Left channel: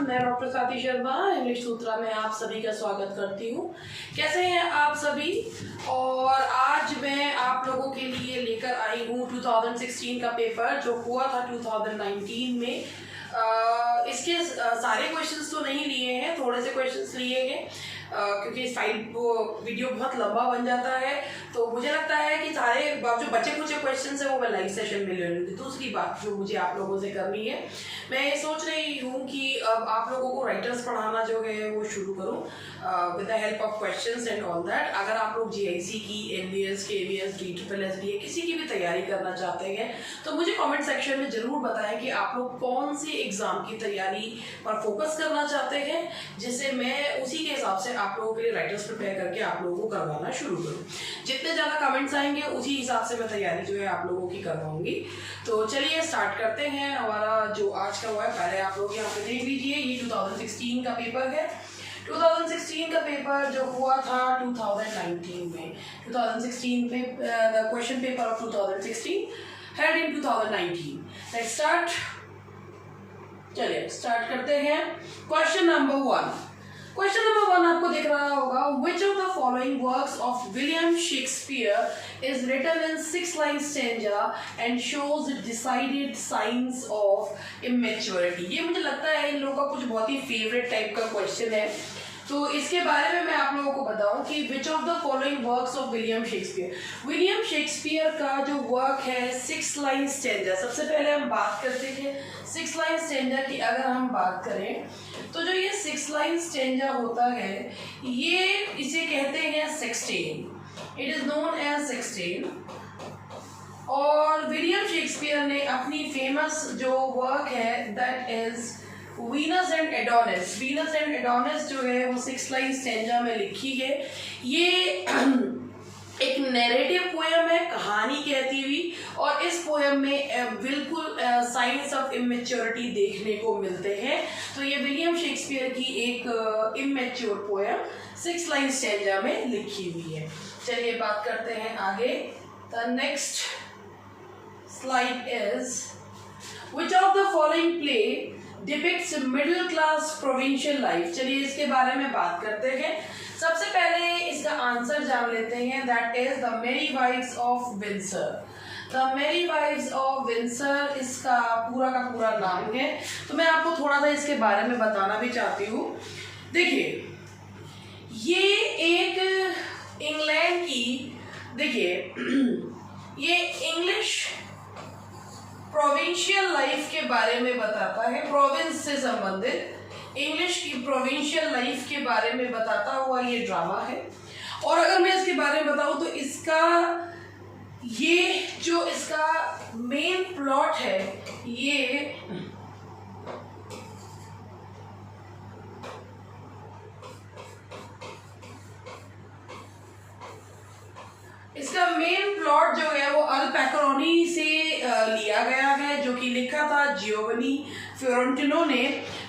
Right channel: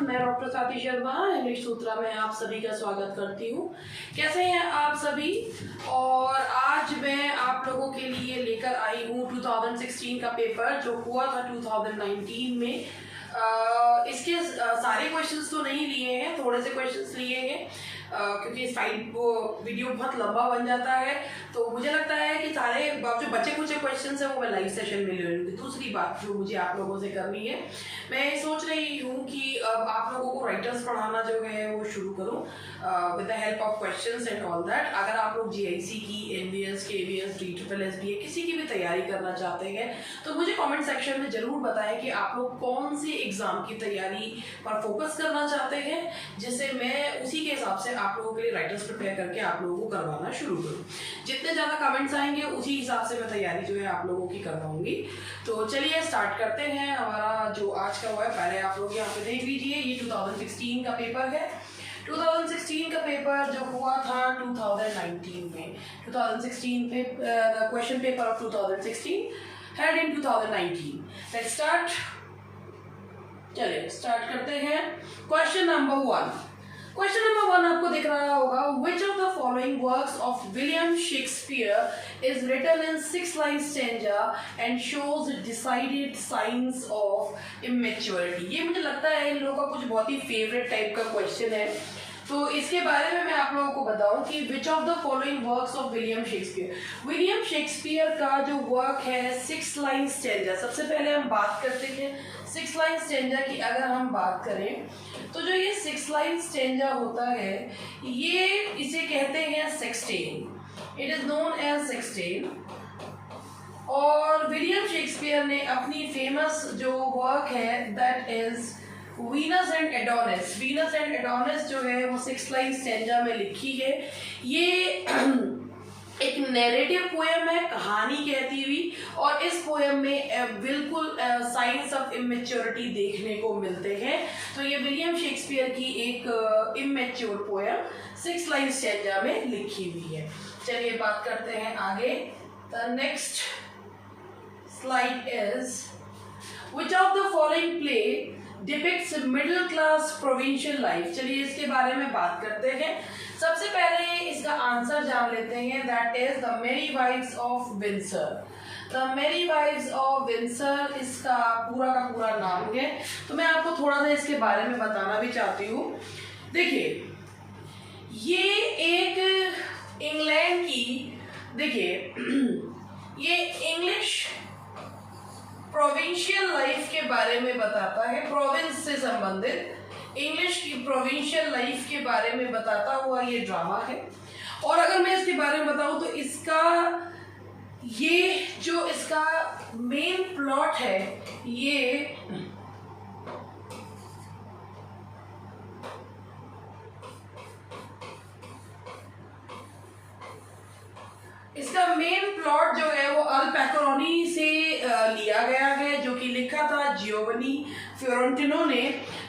मैं doctor Swati Sharma English सूत्रा में आप सभी का स्वागत करती हूँ। कैसे हैं आप सभी? और आज मैं आप लोगों के लिए लेकर आई हूँ 2016 का पेपर जो हुआ था 2019 में। इसके सारे क्वेश्चंस तो नहीं लिए हैं, थोड़े से क्वेश्चंस लिए हैं क्योंकि इस फाइल वो वीडियो बहुत लंबा बन जाता है, तो मुझे लगता है कि सारे जो बचे कुछ क्वेश्चंस हैं वो मैं लाइव सेशन में ले लूँगी। दूसरी बात जो मुझे आप लोगों से करनी है, मैं ये सोच रही हूँ कि अब आप लोगों को राइटर्स पढ़ाना जो है वो शुरू करूँ with the help of questions and all that. अगर आप लोग जीआईसी की, एनबीएस, केवीएस, DSSS किसी की भी तैयारी करना चाहते हैं तो मुझे कमेंट सेक्शन में ज़रूर बताएं कि आप लोग कौन सी एग्ज़ाम की तैयारी पर फोकस करना चाहते हैं, जिससे मैं उसी के हिसाब से आप लोगों के लिए राइटर्स प्रिपेयर करके आप लोगों को करवाना शुरू करूँ। जितने ज़्यादा कमेंट्स आएंगे उसी हिसाब से मैं तैयारी जो है आप लोगों की करवाऊंगी। तो चलिए स्टार्ट करते हैं। हमारा जो आज का हुआ है, पहले आप लोग यहाँ पे देख लीजिए, ये 2016 का पेपर है। 2016 का पेपर जो हुआ था 2019 में, 2016 में question paper of 2016 held in 2019। Let's start. चलिए स्टार्ट करते हैं। Question number 1। क्वेश्चन नंबर 1 आपको दिख रहा होगा, which of the following works of William Shakespeare is written in 6-line stanza and shows decided signs of immaturity? ये मुझे लगता है इन लोगों का कुछ बहुत ही फेवरेट टाइप का क्वेश्चन है, तो इसके बारे में मैं आप लोगों को बताऊं कि which of the following works of William Shakespeare. William Shakespeare का जो वर्क है 6-line स्टेंजा। सबसे पहले हम बात करते हैं 6-line स्टेंजा की। अगर हम बात करें तो जो ये 6-line स्टेंजा होता है, ये इसे कहते हैं sextain. It is known as sextain. और विलियम शेक्सपियर ने अपनी फेमस जो वर्क है that is Venus and Adonis. Venus and Adonis जो है वो 6-line स्टेंजा में लिखी है। ये एक नैरेटिव पोएम है, कहानी कहती हुई, और इस पोएम में बिल्कुल साइंस ऑफ इमेच्योरिटी देखने को मिलते हैं। तो ये विलियम शेक्सपियर की एक इमेच्योर पोएम 6-line स्टेंजा में लिखी हुई है। चलिए बात करते हैं आगे। The next slide is which of the following play depicts middle class provincial life? चलिए इसके बारे में बात करते हैं। सबसे पहले इसका आंसर जान लेते हैं, दैट इज द मेरी वाइव्स ऑफ विंसर। द मेरी वाइव्स ऑफ विंसर इसका का पूरा नाम है। तो मैं आपको थोड़ा सा इसके बारे में बताना भी चाहती हूँ। देखिए, ये एक इंग्लैंड की, देखिए ये इंग्लिश प्रोविंशियल लाइफ के बारे में बताता है, प्रोविंस से संबंधित इंग्लिश की प्रोविंशियल लाइफ के बारे में बताता हुआ ये ड्रामा है। और अगर मैं इसके बारे में बताऊं तो इसका ये जो इसका मेन प्लॉट है, ये इसका मेन प्लॉट जो है वो अल पैकरोनी से लिया गया है, जो कि लिखा था जियोवनी फियोरेंटिनो ने।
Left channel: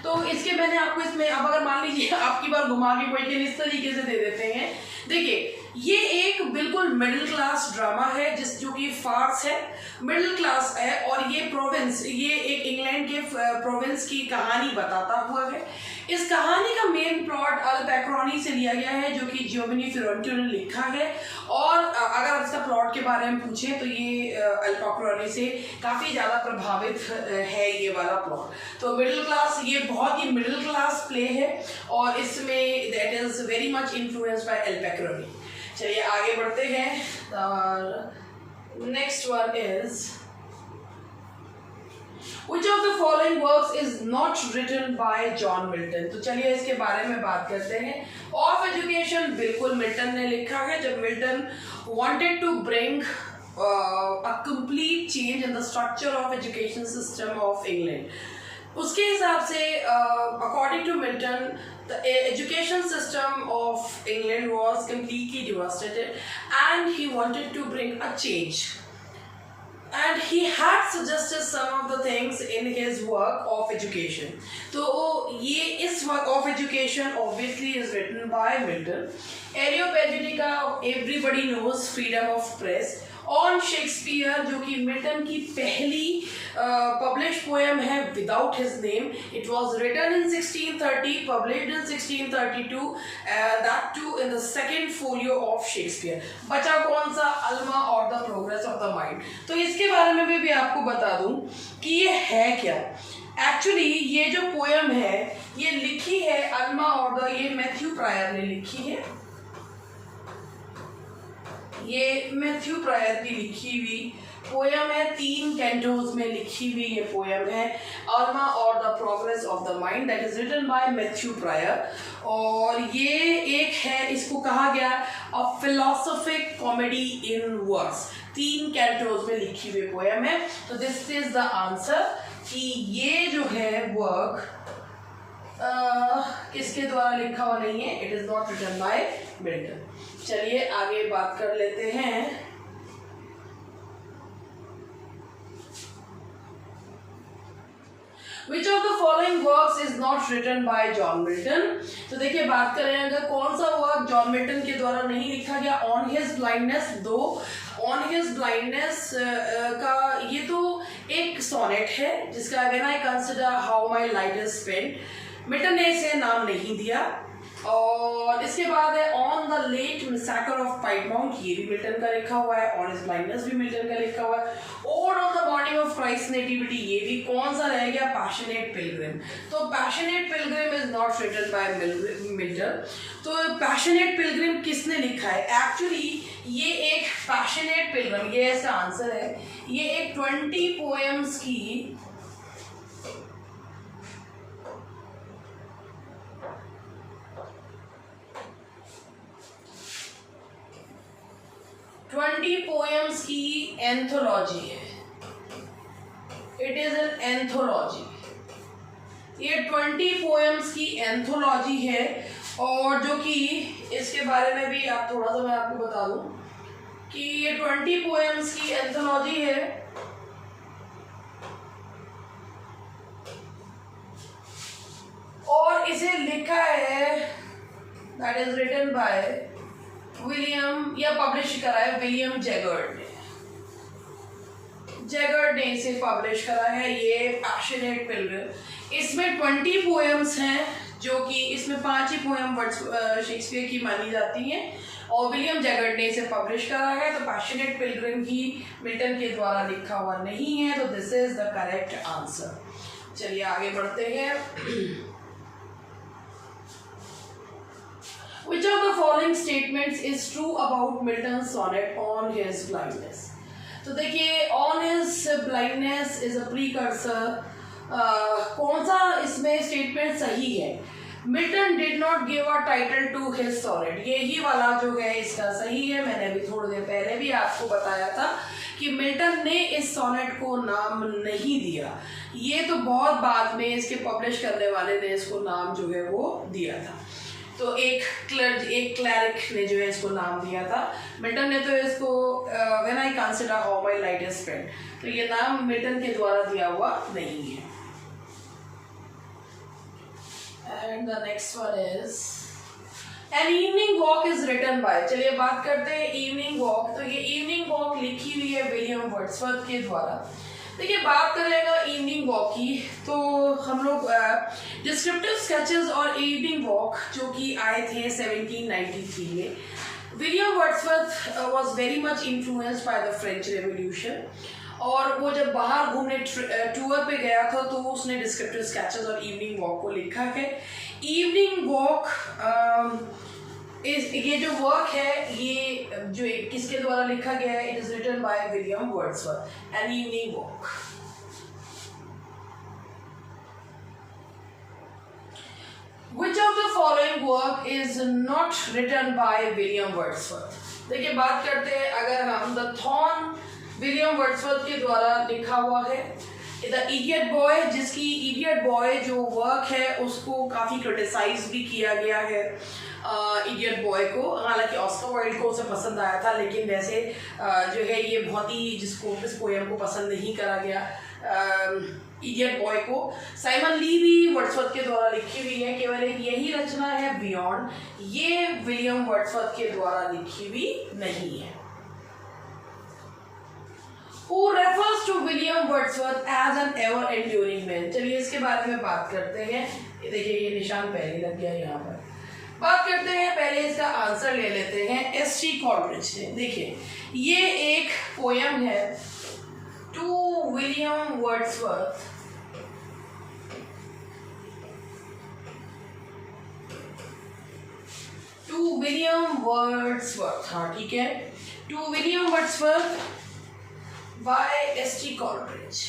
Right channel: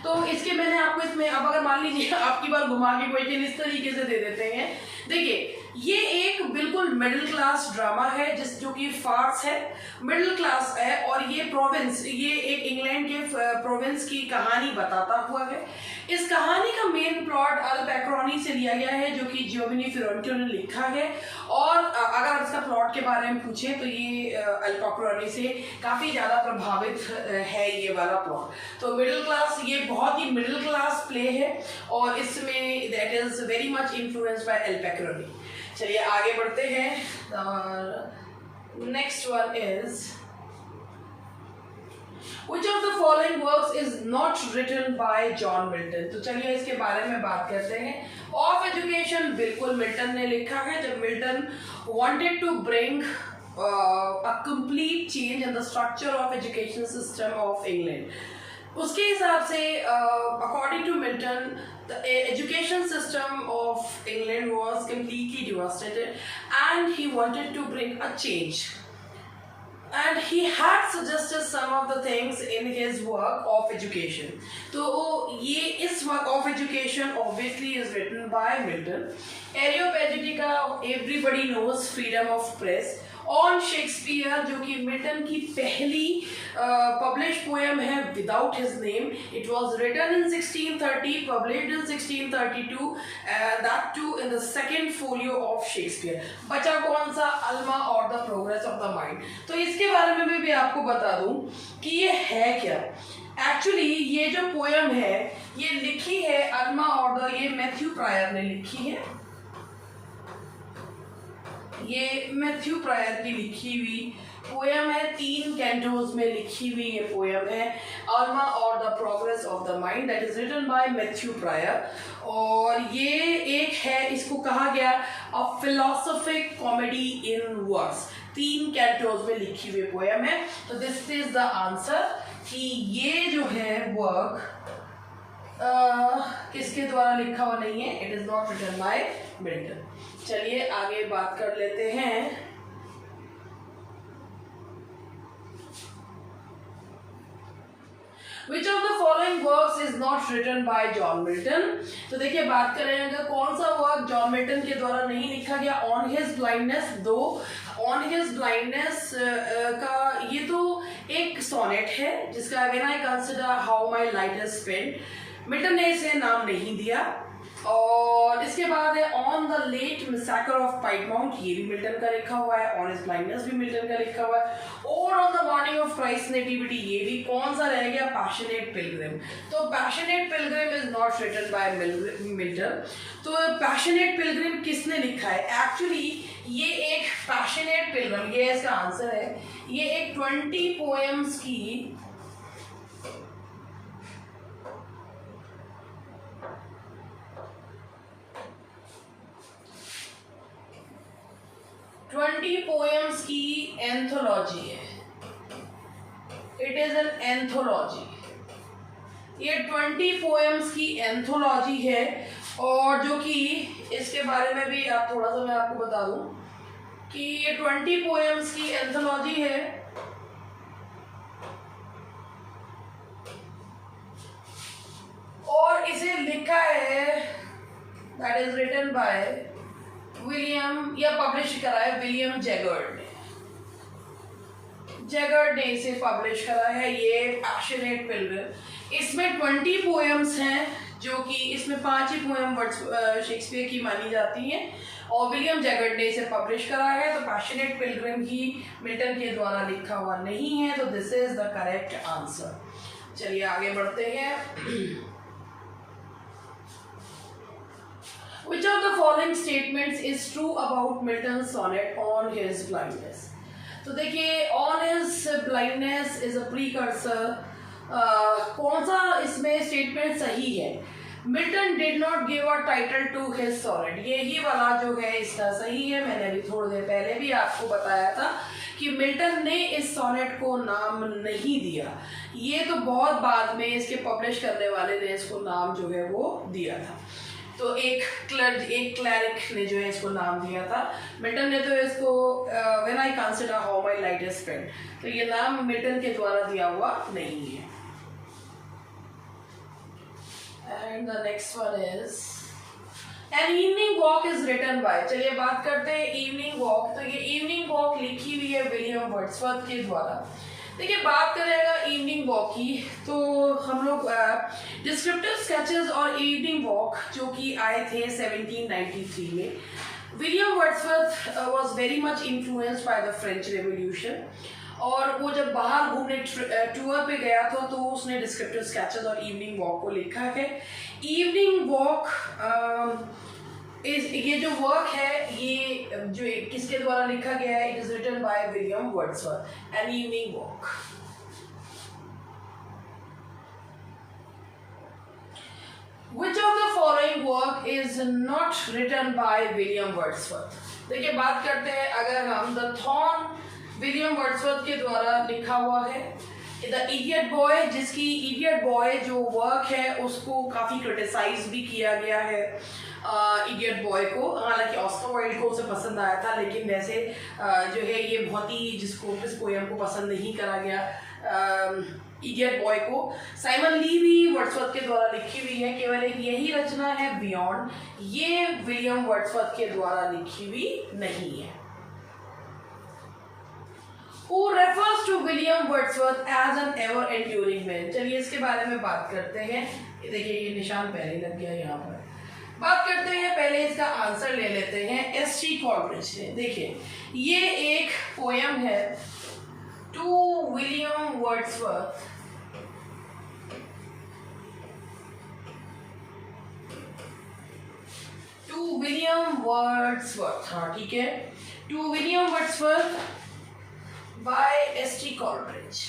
तो इसके मैंने आपको इसमें, अब अगर मान लीजिए आपकी बार घुमा के क्वेश्चन इस तरीके से दे देते हैं। देखिए, ये एक बिल्कुल मिडिल क्लास ड्रामा है जो कि फार्स है, मिडिल क्लास है, और ये प्रोविंस, ये एक इंग्लैंड के प्रोविंस की कहानी बताता हुआ है। इस कहानी का मेन प्लॉट अल पैकरोनी से लिया गया है, जो कि जियोवनी फियोरेंटिनो ने लिखा है। और अगर इसका प्लॉट के बारे में पूछें तो ये अल पैकरोनी से काफ़ी ज़्यादा प्रभावित है ये वाला प्लॉट। तो मिडिल क्लास, ये बहुत ही मिडिल क्लास प्ले है, और इसमें that is very much influenced by अल पैकरोनी। चलिए आगे बढ़ते हैं। Next one is Which of the following works is not written by John Milton? तो चलिए इसके बारे में बात करते हैं। ऑफ एजुकेशन बिल्कुल मिल्टन ने लिखा है, जब Milton wanted to bring a complete change in the structure of education system of England. उसके हिसाब से according to Milton, the education system of England was completely devastated and he wanted to bring a change. And he had suggested some of the things in his work of education. तो ये इस work of education obviously is written by Milton. Areopagity का everybody knows freedom of press, on Shakespeare, जो कि Milton की पहली publish poem है without his name. It was written in 1630, published in 1632, that too in the second folio of Shakespeare. बचा कौन सा? Alma और the progress of the mind. तो इसके बारे में भी आपको बता दूं कि ये है क्या. एक्चुअली ये जो पोएम है ये लिखी है अल्मा और द, ये मैथ्यू प्रायर ने लिखी है. ये मैथ्यू प्रायर की लिखी हुई पोएम है, 3 कैंटोज में लिखी हुई ये पोएम है, अल्मा और the progress of the mind, that is written by Matthew Prior. और ये एक है, इसको कहा गया a philosophic comedy in verse. 3 cantos में लिखी हुई पोएम है. तो दिस इज द आंसर कि ये जो है वर्क किसके द्वारा लिखा हुआ नहीं है. It is not written by Milton. चलिए आगे बात कर लेते हैं. Which of the following works is not written by John Milton? तो देखिए बात करें अगर कौन सा वर्क जॉन मिल्टन के द्वारा नहीं लिखा गया. ऑन हिज ब्लाइंडनेस, दो ऑन हिज ब्लाइंडनेस का ये तो एक सोनेट है जिसका when I consider how my light is spent, Milton ने इसे नाम नहीं दिया. और इसके बाद है on the late massacre of Piedmont, ये भी मिल्टन का लिखा हुआ है. ऑन हिज ब्लाइंडनेस भी मिल्टन का लिखा हुआ है. और on the morning of Christ nativity, ये भी कौन सा रह गया? Passionate pilgrim. तो passionate pilgrim is not written by Milton. तो पैशनेट पिलग्रिम किसने लिखा है? एक्चुअली ये एक पैशनेट पिलग्रिम, ये इसका आंसर है. ये एक 20 पोएम्स की 20 पोएम्स की एंथोलॉजी है. It is an anthology. ये 20 पोएम्स की एंथोलॉजी है. और जो कि इसके बारे में भी आप थोड़ा सा मैं आपको बता दूं कि ये 20 पोएम्स की एंथोलॉजी है. और इसे लिखा है, that is written by William, या पब्लिश करा है विलियम जैगर्ड ने. जैगर्ड ने इसे पब्लिश करा है. ये पैशनेट पिलग्रिम, इसमें 20 पोएम्स हैं जो कि इसमें 5 ही पोएम शेक्सपियर की मानी जाती हैं. और विलियम जैगर्ड ने इसे पब्लिश करा है. तो पैशनेट पिलग्रिम ही मिल्टन के द्वारा लिखा हुआ नहीं है. तो this is the correct answer. चलिए आगे बढ़ते हैं. Which of the following statements is true about Milton's sonnet on his blindness? तो देखिए on his blindness is a precursor. कौन सा इसमें स्टेटमेंट सही है? Milton did not give a title to his sonnet, यही वाला जो है इसका सही है. मैंने अभी थोड़ी देर पहले भी आपको बताया था कि मिल्टन ने इस सोनेट को नाम नहीं दिया. ये तो बहुत बाद में इसके पब्लिश करने वाले ने इसको नाम जो है वो दिया था. तो एक क्लैरिक ने जो है इसको नाम दिया था. मिल्टन ने तो इसको when I consider how my light is spent, तो ये नाम मिल्टन के द्वारा दिया हुआ नहीं है. And the next one is an evening walk is written by. चलिए बात करते हैं इवनिंग वॉक. तो ये इवनिंग वॉक लिखी हुई है विलियम वर्ड्सवर्थ के द्वारा. देखिए बात करेंगे इवनिंग वॉक की, तो हम लोग डिस्क्रिप्टिव स्केचेस और इवनिंग वॉक जो कि आए थे 1793 में. William Wordsworth was very much influenced by the French revolution. और वो जब बाहर घूमने टूर पे गया था तो उसने डिस्क्रिप्टिव स्केचेस और इवनिंग वॉक को लिखा है. इवनिंग वॉक ये जो वर्क है ये जो किसके द्वारा लिखा गया है? It is written by William Wordsworth. An evening walk. Which of the following work is not written by William Wordsworth? देखिए बात करते हैं अगर हम द थॉर्न विलियम वर्ड्सवर्थ के द्वारा लिखा हुआ है. द इडियट बॉय, जिसकी इडियट बॉय जो वर्क है उसको काफ़ी क्रिटिसाइज भी किया गया है. इडियट बॉय को, हालांकि ऑस्कर वाइल्ड को उसे पसंद आया था, लेकिन वैसे जो है ये बहुत ही जिसको इस पोएम को पसंद नहीं करा गया. इडियट बॉय को साइमन ली भी वर्ड्सवर्थ के द्वारा लिखी हुई है. केवल एक यही रचना है बियॉन्ड, ये विलियम वर्ड्सवर्थ के द्वारा लिखी हुई नहीं है. Who refers to William Wordsworth as an ever enduring man? चलिए इसके बारे में बात करते हैं। देखिए ये निशान पहले लग गया यहाँ पर। बात करते हैं, पहले इसका आंसर ले लेते हैं। एस.टी. कॉलरिज ने, देखिए ये एक पोयम है to William Wordsworth. To William Wordsworth, हाँ ठीक है, to William Wordsworth by S T. Coleridge.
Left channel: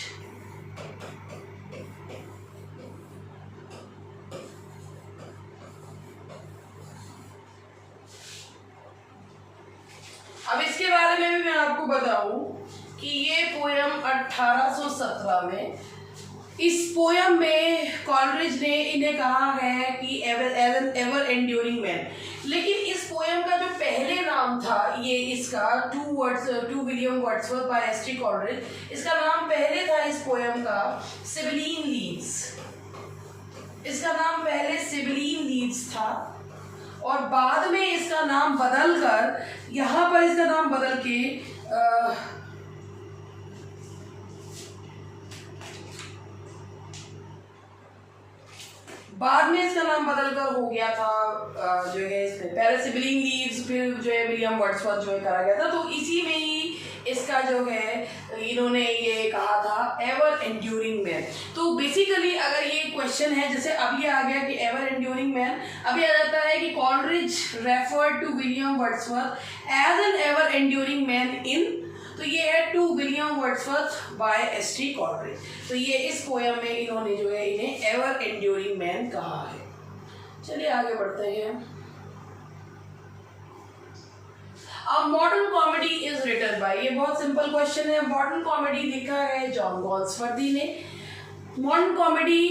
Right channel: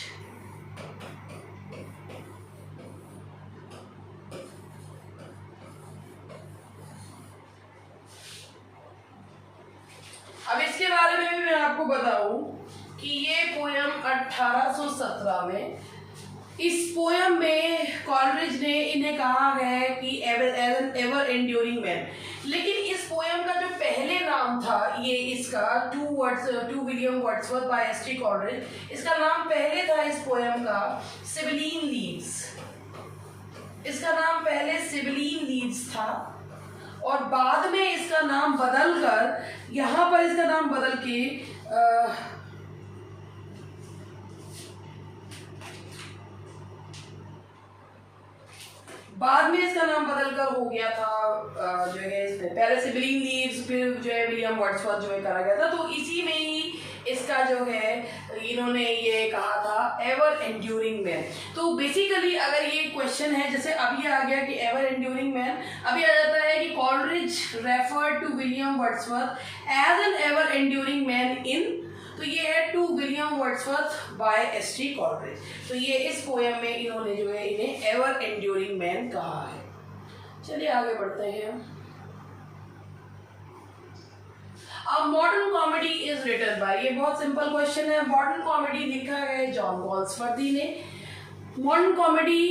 अब इसके बारे में भी मैं आपको बताऊं कि ये पोयम 1817 में, इस पोयम में कॉलरिज ने इन्हें कहा है कि एवर एंड्यूरिंग मैन, लेकिन इस पोयम का जो पहले नाम था ये इसका to William Wordsworth by S T. Coleridge, इसका नाम पहले था इस पोयम का सिबिलीन लीव्स। इसका नाम पहले सिबिलीन लीव्स था और बाद में इसका नाम बदल कर, यहाँ पर इसका नाम बदल के बाद में इसका नाम बदलकर हो गया था जो है इसमें पहले सिबिलिंग लीव्स, फिर जो है विलियम वर्ड्सवर्थ जो है करा गया था। तो इसी में ही इसका जो है इन्होंने ये कहा था एवर एंड्यूरिंग मैन। तो बेसिकली अगर ये क्वेश्चन है, जैसे अभी आ गया कि एवर एंड्यूरिंग मैन, अभी आ जाता है कि Coleridge referred to William Wordsworth as an ever enduring man in, तो ये है to William Wordsworth by S T. Coleridge. तो ये इस पोयम में इन्होंने जो है इन्हें एवर एंड्यूरिंग मैन कहा है। चलिए आगे बढ़ते हैं। अब modern comedy is written by, ये बहुत सिंपल क्वेश्चन है। मॉडर्न कॉमेडी लिखा है जॉन गॉल्सवर्दी ने। Modern comedy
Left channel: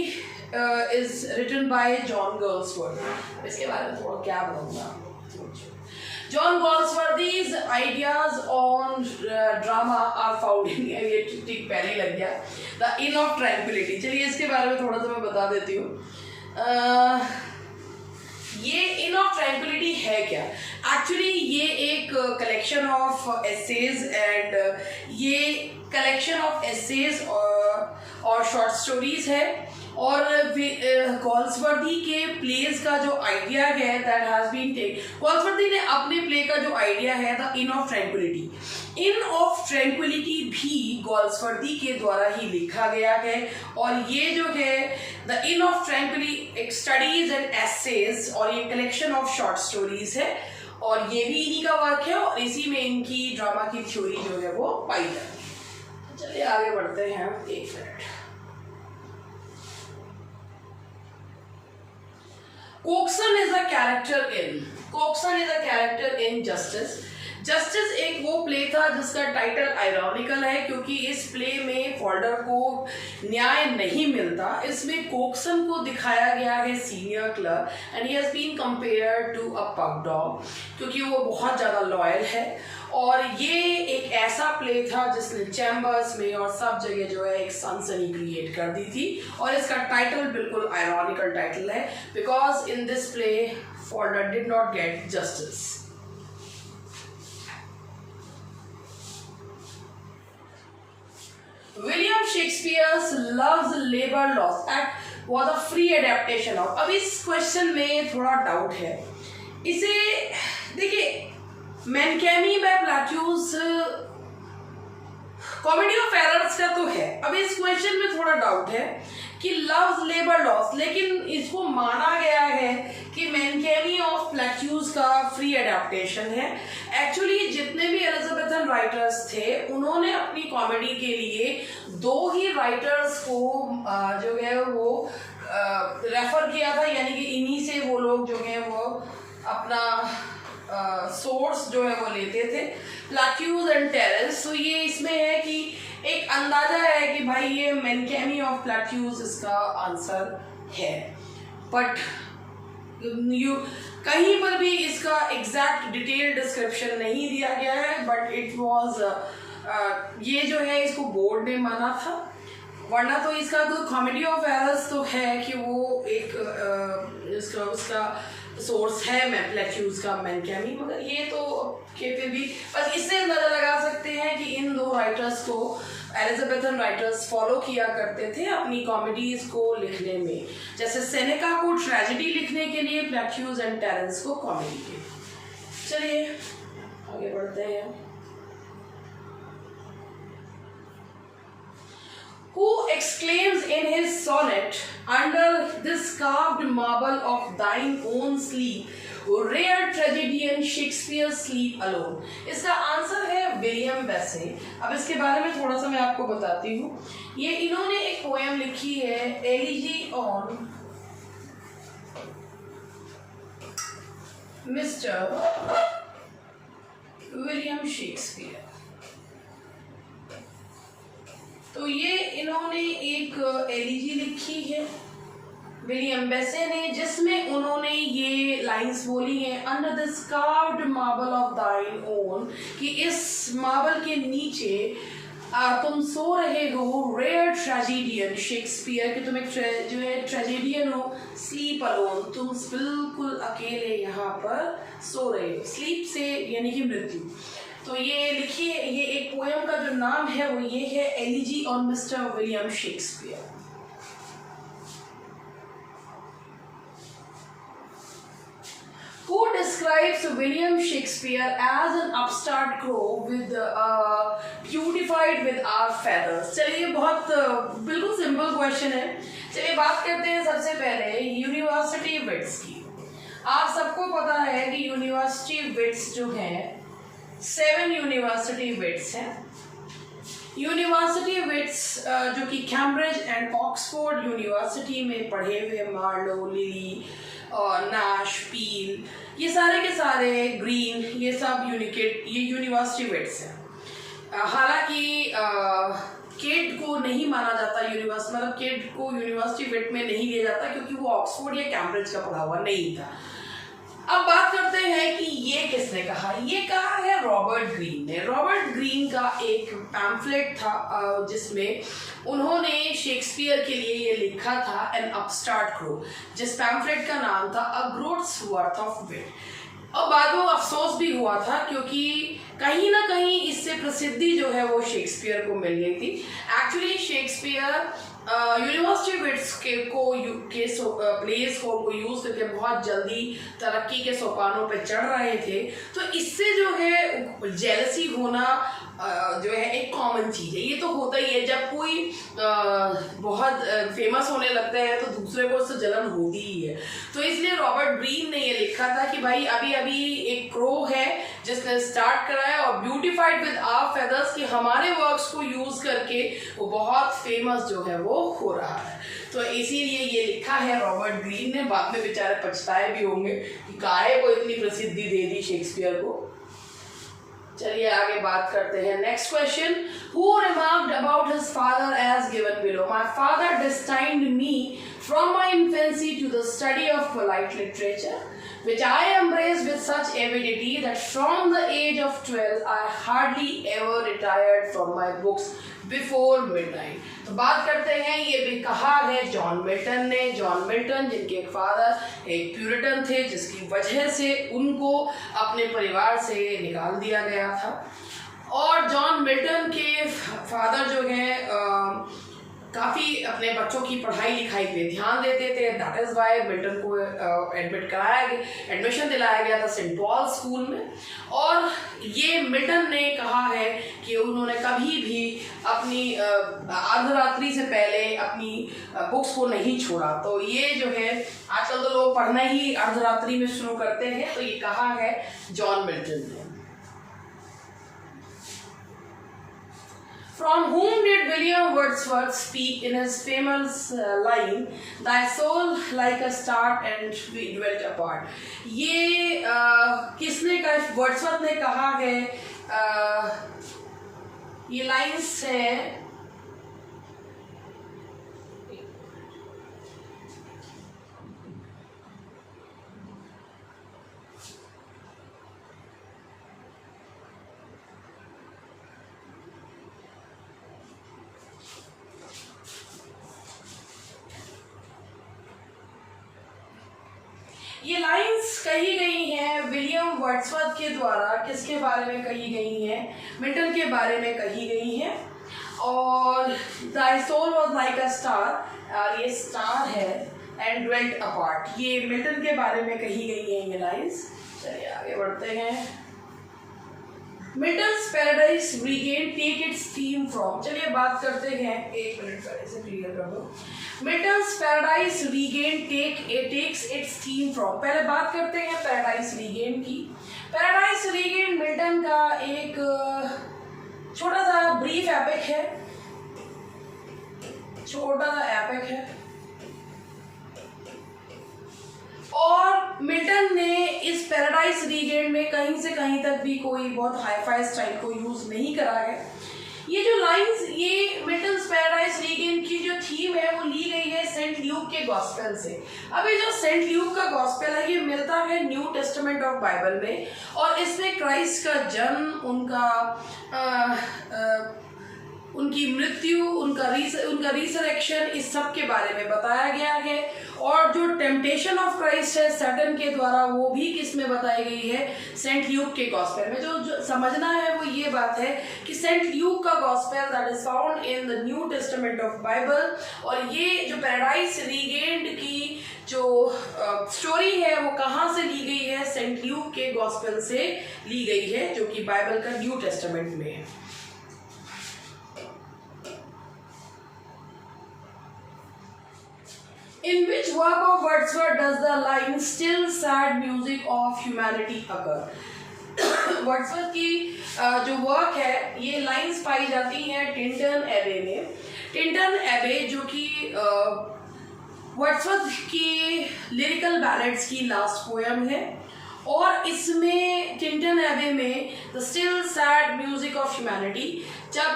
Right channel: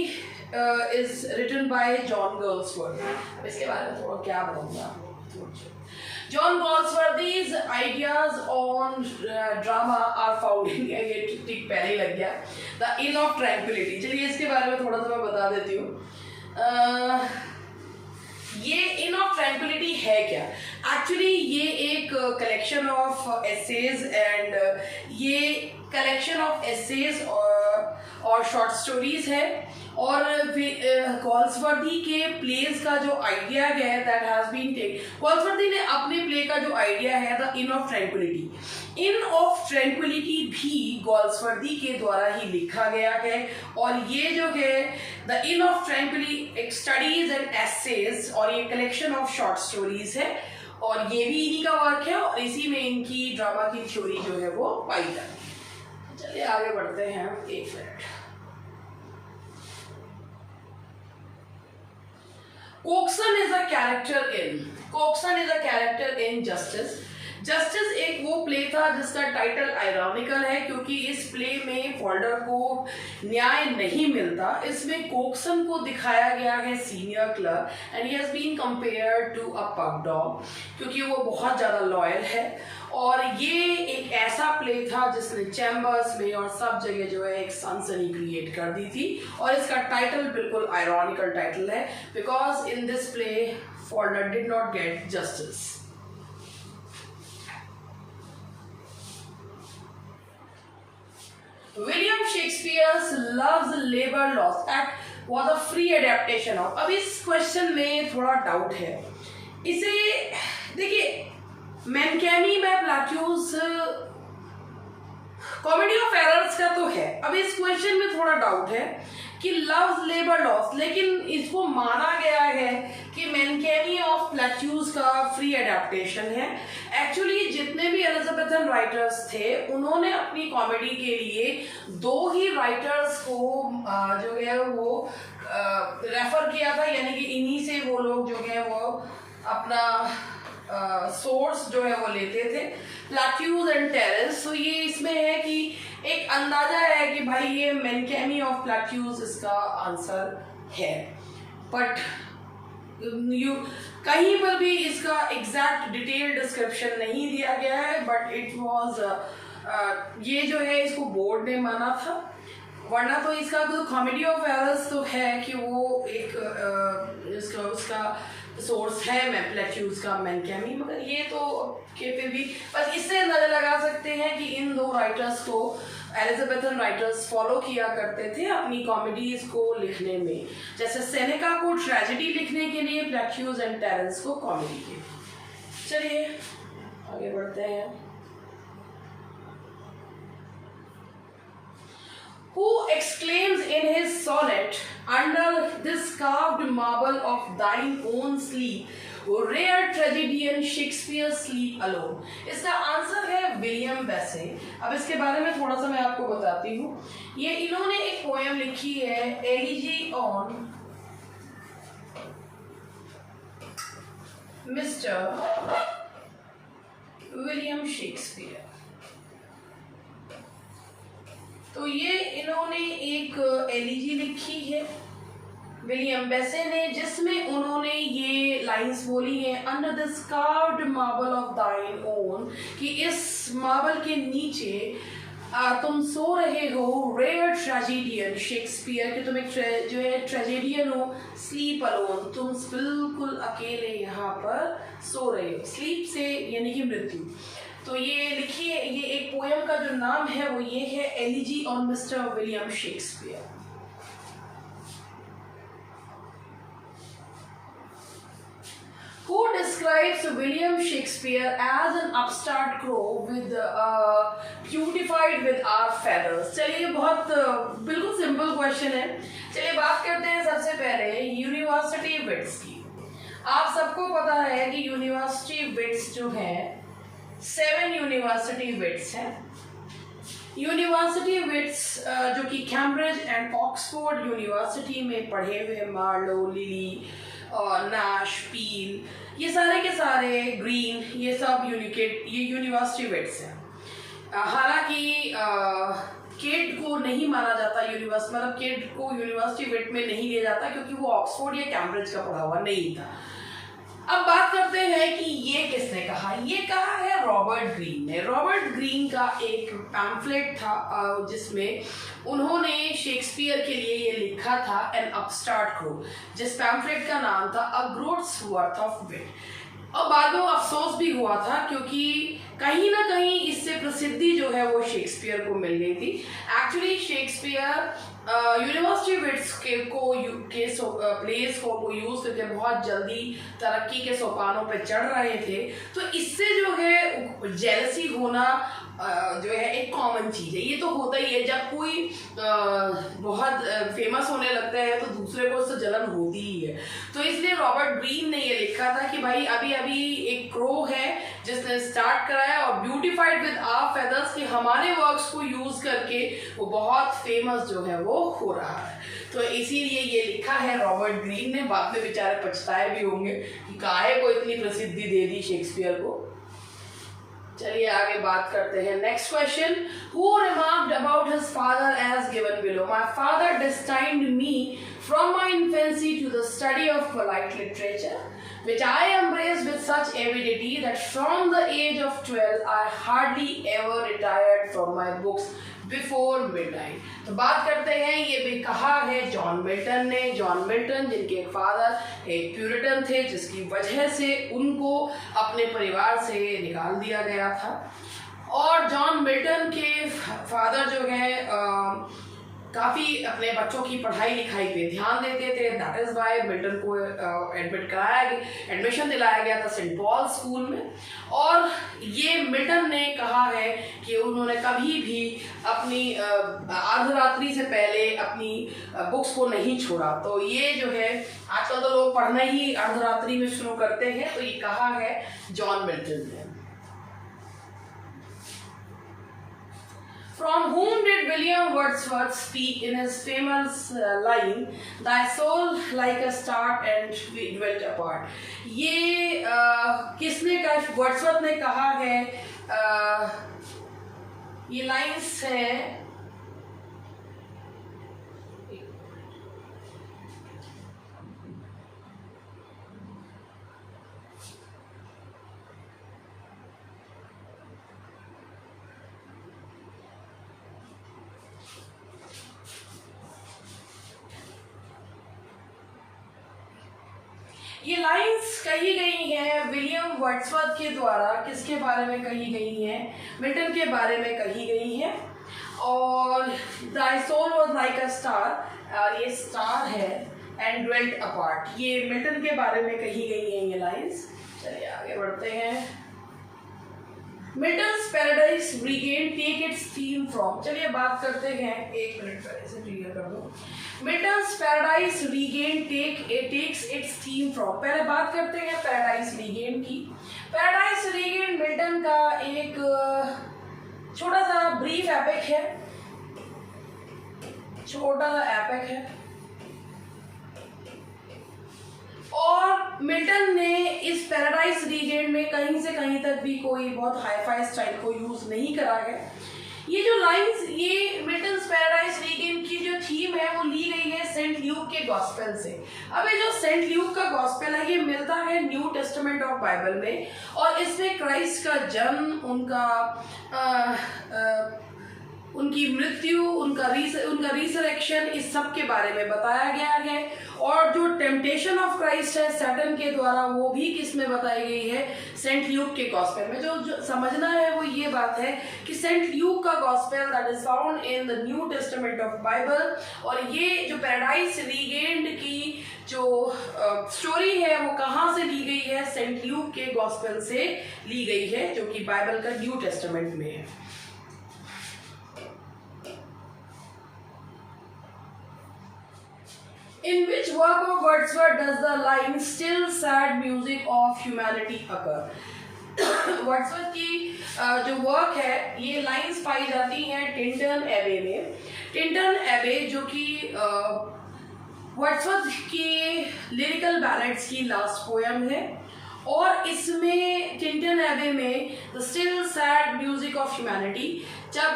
is written by John Galsworthy. इसके बारे में थोड़ा क्या बताऊंगा। John Galsworthy's ideas on drama are found in, ये ठीक पहले ही लग गया, The Inn of Tranquility। चलिए इसके बारे में थोड़ा सा मैं बता देती हूँ। ये इन ऑफ ट्रैंक्विलिटी है क्या? एक्चुअली ये एक कलेक्शन ऑफ एसेज एंड ये कलेक्शन ऑफ एसेज और शॉर्ट स्टोरीज है। और गॉल्सवर्दी के प्लेस का जो आइडिया है that has been take, Galsworthy ने अपने प्ले का जो आइडिया है the inn of tranquillity, inn of tranquillity भी गॉल्सवर्दी के द्वारा ही लिखा गया है। और ये जो है the inn of tranquillity studies and essays और ये कलेक्शन ऑफ शॉर्ट स्टोरीज है और ये भी इन्हीं का वर्क है और इसी में इनकी ड्रामा की थ्योरी जो है वो पाई जाती है। चलिए आगे बढ़ते हैं। एक minute. Cokeson is a character in Justice. Justice एक वो प्ले था जिसका टाइटल आयरॉनिकल है क्योंकि इस प्ले में फॉल्डर को न्याय नहीं मिलता। इसमें कोक्सन को दिखाया गया है senior clerk and he has been compared to a pug dog क्योंकि वो बहुत ज़्यादा लॉयल है। और ये एक ऐसा प्ले था जिसने चैम्बर्स में और सब जगह जो है एक सनसनी क्रिएट कर दी थी और इसका टाइटल बिल्कुल आयरॉनिकल टाइटल है because in this play Falder did not gate justice. William Shakespeare's Love's Labour Lost Act was a free adaptation of। अब इस क्वेश्चन में थोड़ा डाउट है। इसे देखिए, मैनकैमी बाय प्लाट्यूज कॉमेडी ऑफ एरर्स का तो है। अब इस क्वेश्चन में थोड़ा डाउट है कि लव्स लेबर लॉस, लेकिन इसको माना गया है कि मैनकैमी ऑफ प्लाट्यूज का फ्री एडेप्टेशन है। एक्चुअली जितने भी एलिजाबेथन राइटर्स थे उन्होंने अपनी कॉमेडी के लिए दो ही राइटर्स को जो है वो रेफर किया था, यानी कि इन्हीं से वो लोग जो है वो अपना सोर्स जो है वो लेते थे, प्लाट्यूज एंड टेरेस। तो ये इसमें है कि एक अंदाजा है कि भाई ये मैनकैमी ऑफ प्लाट्यूज इसका आंसर है, बट कहीं पर भी इसका एग्जैक्ट डिटेल डिस्क्रिप्शन नहीं दिया गया है। बट इट वाज ये जो है इसको बोर्ड ने माना था, वरना तो इसका तो कॉमेडी ऑफ एरर्स तो है कि वो एक उसका सोर्स है मैं प्लेट्यूज का मैनकैमी, मगर ये तो के फिर भी बस इससे अंदाजा लगा सकते हैं कि इन दो राइटर्स को एलिजाबेथन राइटर्स फॉलो किया करते थे अपनी कॉमेडीज को लिखने में, जैसे सेनेका को ट्रेजेडी लिखने के लिए, प्लेट्यूज एंड टेरेंस को कॉमेडी के लिए। चलिए आगे बढ़ते हैं। Who exclaims in his sonnet, under this carved marble of thine own sleep, rare tragedian Shakespeare sleep alone? इसका आंसर है विलियम बेसे। अब इसके बारे में थोड़ा सा मैं आपको बताती हूँ। ये इन्होंने एक पोएम लिखी है, elegy on mister William Shakespeare. तो ये इन्होंने एक एलिजी लिखी है विलियम बेसे ने, जिसमें उन्होंने ये लाइंस बोली हैं, under this carved marble of दाइन ओन, कि इस मार्बल के नीचे तुम सो रहे हो, रेयर ट्रेजेडियन शेक्सपियर, कि तुम एक जो है ट्रेजेडियन हो, स्लीप अलोन, तुम बिल्कुल अकेले यहाँ पर सो रहे हो, स्लीप से यानी कि मृत्यु। तो ये लिखिए, ये एक पोएम का जो नाम है वो ये है, elegy on mister William Shakespeare. Who describes William Shakespeare as an upstart crow with beautified with our feathers? चलिए बहुत बिल्कुल सिंपल क्वेश्चन है। चलिए बात करते हैं सबसे पहले यूनिवर्सिटी विट्स की। आप सबको पता है कि यूनिवर्सिटी विट्स जो है 7 यूनिवर्सिटी विट्स हैं। यूनिवर्सिटी विट्स जो कि कैम्ब्रिज एंड ऑक्सफोर्ड यूनिवर्सिटी में पढ़े हुए, मार्लो, लिली और नाश, पील, ये सारे के सारे, ग्रीन, ये सब ये यूनिवर्सिटी विट्स हैं। हालांकि केट को नहीं माना जाता यूनिवर्सिटी, मतलब केट को यूनिवर्सिटी विट में नहीं लिया जाता क्योंकि वो ऑक्सफोर्ड या कैम्ब्रिज का पढ़ा हुआ नहीं था। अब बात करते हैं कि ये किसने कहा। ये कहा है रॉबर्ट ग्रीन ने। रॉबर्ट ग्रीन का एक पैम्फलेट था जिसमें उन्होंने शेक्सपियर के लिए ये लिखा था, एन अपस्टार्ट क्रो, जिस पैम्फलेट का नाम था अ ग्रोथ्स वर्थ ऑफ विट। और बाद में अफसोस भी हुआ था क्योंकि कहीं ना कहीं इससे प्रसिद्धि जो है वो शेक्सपियर को मिल गई थी। एक्चुअली शेक्सपियर यूनिवर्सिटी विट्स के प्लेस को यूज करके बहुत जल्दी तरक्की के सोपानों पे चढ़ रहे थे, तो इससे जो है जेलसी होना जो है एक कॉमन चीज है। ये तो होता ही है, जब कोई बहुत फेमस होने लगता है तो दूसरे को उससे जलन होती ही है। तो इसलिए रॉबर्ट ग्रीन ने ये लिखा था कि भाई अभी अभी एक क्रो है जिसने स्टार्ट कराया और ब्यूटिफाइड विद आवर फेदर्स, कि हमारे वर्क्स को यूज करके वो बहुत फेमस जो है वो हो रहा है। तो इसीलिए ये लिखा है रॉबर्ट ग्रीन ने। बाद में बेचारे पछताए भी होंगे कि काहे को इतनी प्रसिद्धि दे दी शेक्सपियर को। चलिए आगे बात करते हैं। Next question, who remarked about his father as given below, my father destined me from my infancy to the study of polite literature, which I embraced with such avidity that from the age of 12 I hardly ever retired from my books before midnight। तो बात करते हैं, ये भी कहा है John Milton ने। John Milton जिनके एक फादर एक प्यूरिटन थे, जिसकी वजह से उनको अपने परिवार से निकाल दिया गया था। और जॉन मिल्टन के फादर जो है काफ़ी अपने बच्चों की पढ़ाई लिखाई पे ध्यान देते थे। दैट इज़ वाई मिल्टन को एडमिशन दिलाया गया था सेंट पॉल स्कूल में। और ये मिल्टन ने कहा है कि उन्होंने कभी भी अपनी अर्धरात्रि से पहले अपनी बुक्स को नहीं छोड़ा। तो ये जो है आजकल तो लोग पढ़ना ही अर्धरात्रि में शुरू करते हैं, तो ये कहा है जॉन मिल्टन ने। From whom did William Wordsworth speak in his famous line, "Thy soul like a star and we dwelt apart"? ये किसने कहा? वर्ड्सवर्थ ने कहा है। ये लाइन्स है ये लाइंस कही गई हैं विलियम वर्ड्सवर्थ के द्वारा। किसके बारे में कही गई हैं? मिल्टन के बारे में कही गई हैं। और thy soul was like a star, ये स्टार है, एंड ड्वेल्ट अपार्ट, ये मिल्टन के बारे में कही गई हैं ये लाइंस। चलिए आगे बढ़ते हैं। Milton's Paradise Regain take its theme from, चलिए बात करते हैं, एक मिनट पहले से क्लियर कर दो। Milton's Paradise Regain takes its theme from, पहले बात करते हैं पैराडाइज रीगेन की। पैराडाइज रीगेन मिल्टन का एक छोटा सा ब्रीफ एपिक है, छोटा सा एपिक है, और मिल्टन ने इस पैराडाइज रीगेन में कहीं से कहीं तक भी कोई बहुत हाई-फाई स्टाइल को यूज नहीं करा है। ये जो लाइंस, ये मिल्टन्स पैराडाइज रीगेन की जो थीम है वो ली गई है सेंट ल्यूक के गॉस्पेल से। अब ये जो सेंट ल्यूक का गॉस्पेल है ये मिलता है न्यू टेस्टामेंट ऑफ बाइबल में, और इसमें क्राइस्ट का जन्म, उनकी मृत्यु, उनका रिसरेक्शन, इस सब के बारे में बताया गया है। और जो टेम्पटेशन ऑफ क्राइस्ट है सैटन के द्वारा, वो भी किस में बताई गई है? सेंट ल्यूक के गॉस्पेल में। जो समझना है वो ये बात है कि सेंट ल्यूक का gospel that is found in the new testament of Bible, और ये जो पैराडाइज रीगेन्ड की जो स्टोरी है वो कहाँ से ली गई है? सेंट ल्यूक के गॉस्पेल से ली गई है, जो कि बाइबल का न्यू टेस्टामेंट में है। In which work of Wordsworth does the line "Still sad music of humanity" occur? Wordsworth की जो वर्क है, ये लाइंस पाई जाती हैं टिंटन एबे में। टिंटन एबे जो कि वर्ड्सवर्थ की लिरिकल बैलेड्स की लास्ट पोएम है, और इसमें टिंटन एबे में the still sad music of humanity, जब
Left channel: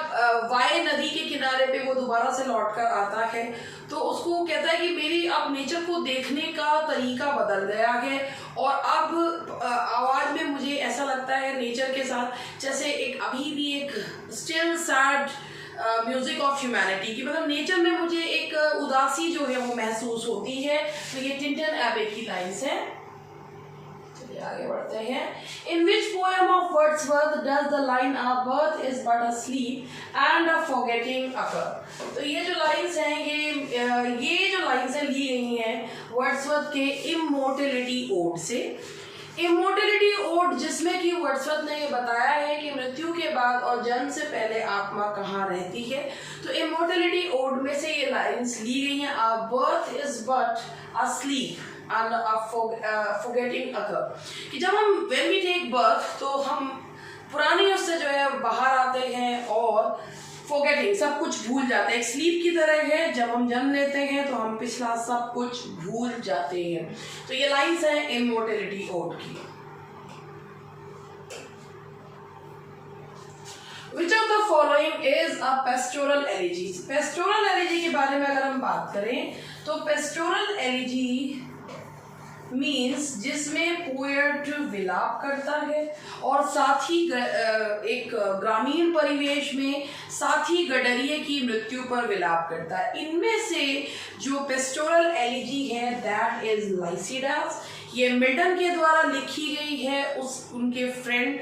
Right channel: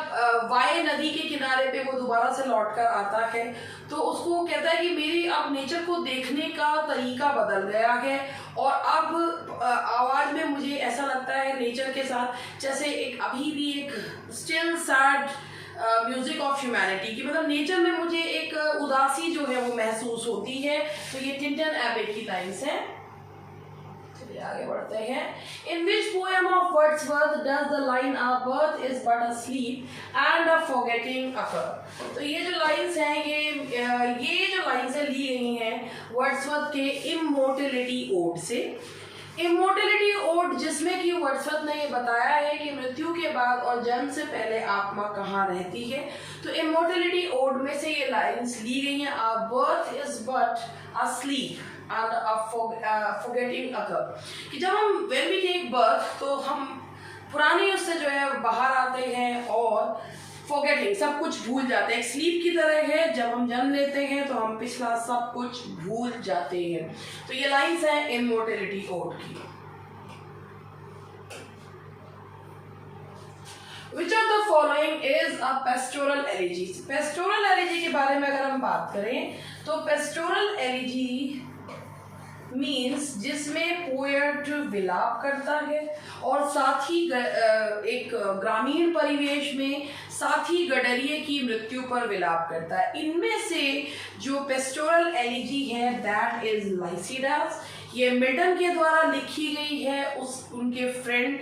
वाई नदी के किनारे पे वो दोबारा से लौट कर आता है तो उसको कहता है कि मेरी अब नेचर को देखने का तरीका बदल गया है, और अब आवाज में मुझे ऐसा लगता है नेचर के साथ जैसे एक अभी भी एक still sad music of humanity की, मतलब नेचर में मुझे एक उदासी जो है वो महसूस होती है। तो ये टिंटन एबे की लाइन्स है। आगे बढ़ते हैं। In which poem of Wordsworth does the line "Our birth is but a sleep and a forgetting" occur? तो ये जो लाइंस हैं, ये जो लाइंस हैं ली गई हैं वर्ड्सवर्थ के इमोर्टलिटी ओड से। इमोर्टलिटी ओड, जिसमें कि वर्ड्सवर्थ ने ये बताया है कि मृत्यु के बाद और जन्म से पहले आत्मा कहाँ रहती है। तो इमोर्टलिटी ओड में से ये लाइंस ली गई हैं। Our birth is but a sleep and a forgetting occur, कि जब हम when we take birth तो हम पुरानी उससे जो है बाहर आते हैं और forgetting, सब कुछ भूल जाते हैं। स्लीप की तरह है, जब हम जन्म लेते हैं तो हम पिछला सब कुछ भूल जाते हैं। तो ये लाइंस हैं इमोर्टलिटी ओड की। Which of the following is a pastoral elegy? Pastoral elegy के बारे में अगर हम बात करें तो पेस्टोरल एलिजी मीन्स जिसमें पोएट विलाप करता है और साथ ही एक ग्रामीण परिवेश में साथ ही गडरिये की मृत्यु पर विलाप करता है। इनमें से जो पेस्टोरल एलिजी है दैट इज लाइसिडास। ये मिल्टन के द्वारा लिखी गई है उनके फ्रेंड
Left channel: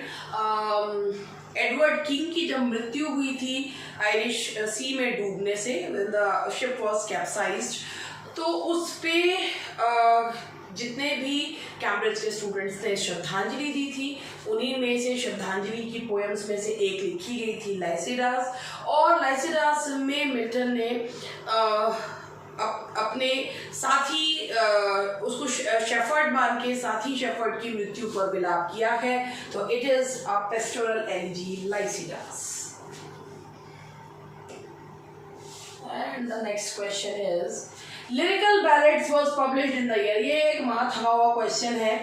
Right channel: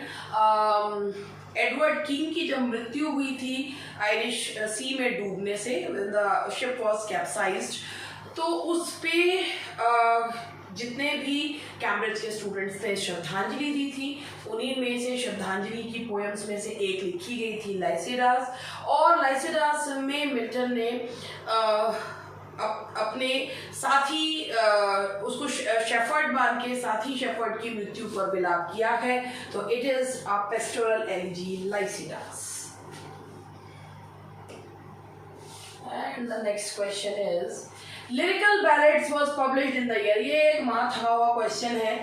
एडवर्ड किंग की जब मृत्यु हुई थी आयरिश सी में डूबने से, द शिप वॉज कैप्साइज्ड। तो उस पे जितने भी कैम्ब्रिज के स्टूडेंट्स ने श्रद्धांजलि दी थी, उन्हीं में से श्रद्धांजलि की पोएम्स में से एक लिखी गई थी लाइसिडास। और लाइसिडास में मिल्टन ने अपने साथी उसको शेफर्ड मान के साथी शेफर्ड की मृत्यु पर विलाप किया है। तो it is a pastoral elegy Lycidas. And the next question is lyrical ballads was published in the year. ये एक माथा हुआ क्वेश्चन है।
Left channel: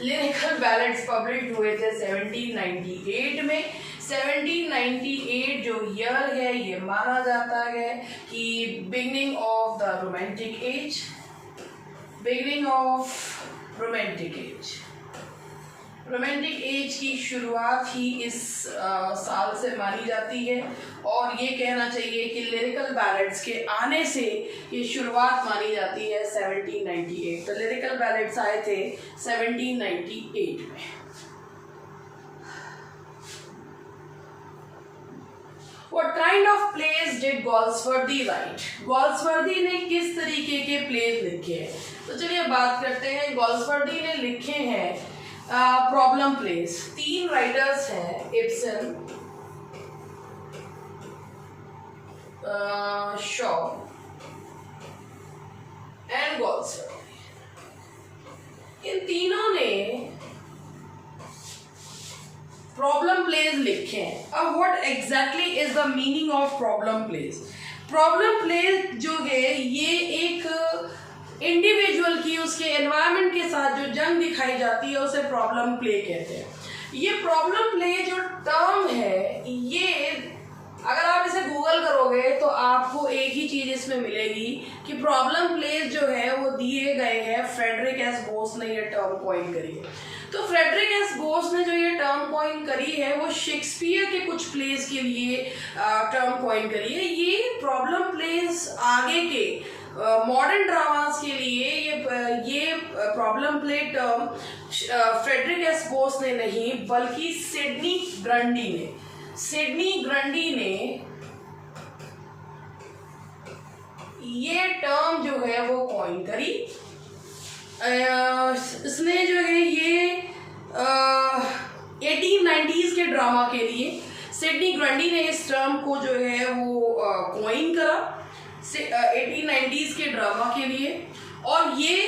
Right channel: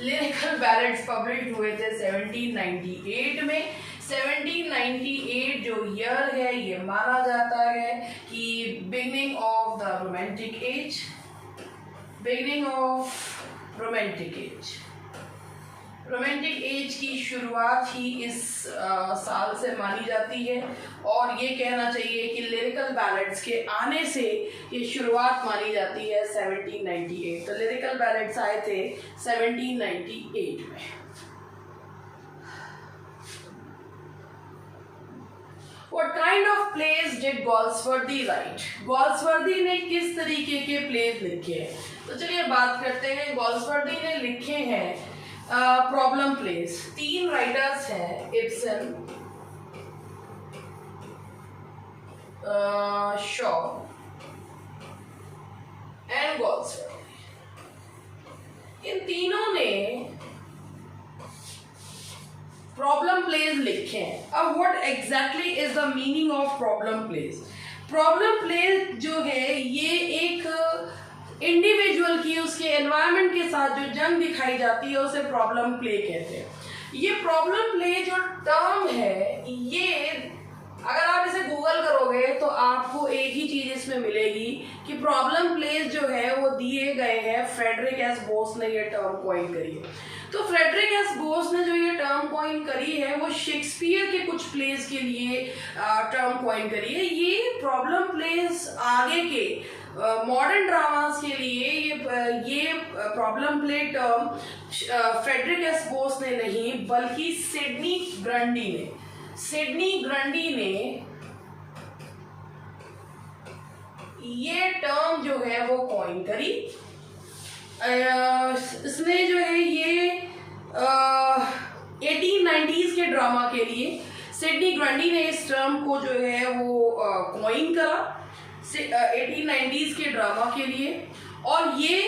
लिरिकल बैलेड्स पब्लिश हुए थे 1798 में। 1798 जो ईयर है ये माना जाता है कि beginning of the romantic as, beginning of romantic as, romantic as की शुरुआत ही इस साल से मानी जाती है और ये कहना चाहिए कि लिरिकल बैलेड्स के आने से ये शुरुआत मानी जाती है 1798। तो लिरिकल बैलेड्स आए थे 1798 में। What kind of plays did Galsworthy write? Galsworthy ने किस तरीके के प्लेज लिखे हैं? तो चलिए बात करते हैं। Galsworthy ने लिखे हैं प्रॉब्लम प्लेस। 3 राइटर्स हैं, इब्सन, शॉ एंड Galsworthy। इन तीनों ने प्रॉब्लम प्लेज लिखे हैं। अब what exactly is the meaning of problem plays? Problem plays जो है ये एक इंडिविजुअल की उसके एनवायरनमेंट के साथ जो जंग दिखाई जाती है उसे प्रॉब्लम प्ले कहते हैं। ये प्रॉब्लम प्ले जो टर्म है, ये अगर आप इसे गूगल करोगे तो आपको एक ही चीज इसमें मिलेगी कि प्रॉब्लम प्लेज जो है वो दिए गए हैं। फ्रेडरिक एस बोस ने ये टर्म कॉइन करी है। तो फ्रेडरिक एस बोस ने जो ये टर्म कॉइन करी है वो शेक्सपियर के कुछ प्लेज के लिए टर्म कॉइन करी है। ये प्रॉब्लम प्लेज आगे के मॉडर्न ड्रामास के लिए ये problem play term Frederick S Boas ने नहीं बल्कि सिडनी ग्रंडी ने ये टर्म जो है वो कॉइन करी। इसने जो है ये 1890s के ड्रामा के लिए सिडनी ग्रंडी ने इस टर्म को जो है वो कॉइन करा 1890s के ड्रामा के लिए। और ये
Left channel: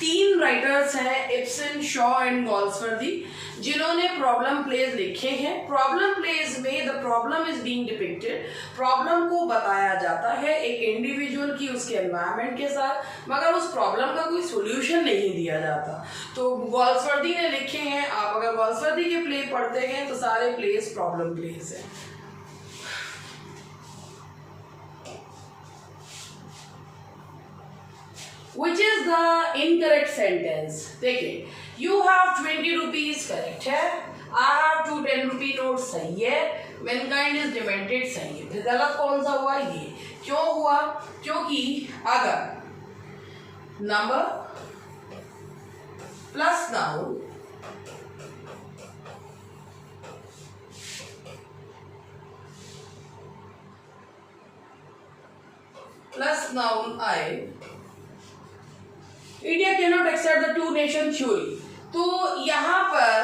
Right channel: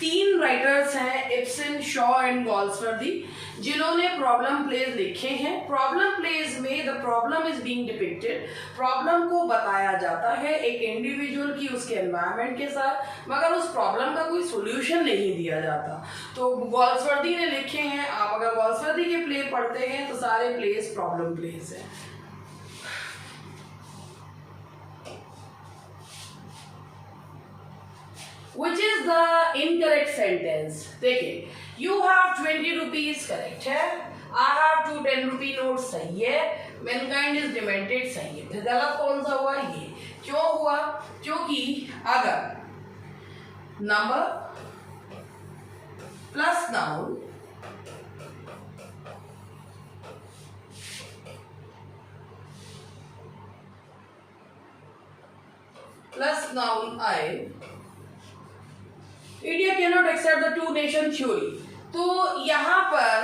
3 राइटर्स हैं, इब्सन, शॉ एंड गॉल्सवर्दी, जिन्होंने प्रॉब्लम प्लेज लिखे हैं। प्रॉब्लम प्लेज में the problem is being depicted, problem को बताया जाता है एक इंडिविजुअल की उसके एनवायरनमेंट के साथ, मगर उस प्रॉब्लम का कोई सोल्यूशन नहीं दिया जाता। तो गॉल्सवर्दी ने लिखे हैं। आप अगर गॉल्सवर्दी के प्ले पढ़ते हैं तो सारे प्लेज प्रॉब्लम प्लेज हैं। Which is the incorrect sentence? देखिए, you have 20 rupees correct है, I have 2 10 rupee notes सही है, mankind is demented सही है। फिर गलत कौन सा हुआ? ये क्यों हुआ? क्योंकि अगर नंबर प्लस नाउन आए, India cannot accept the 2 nation theory. तो यहाँ पर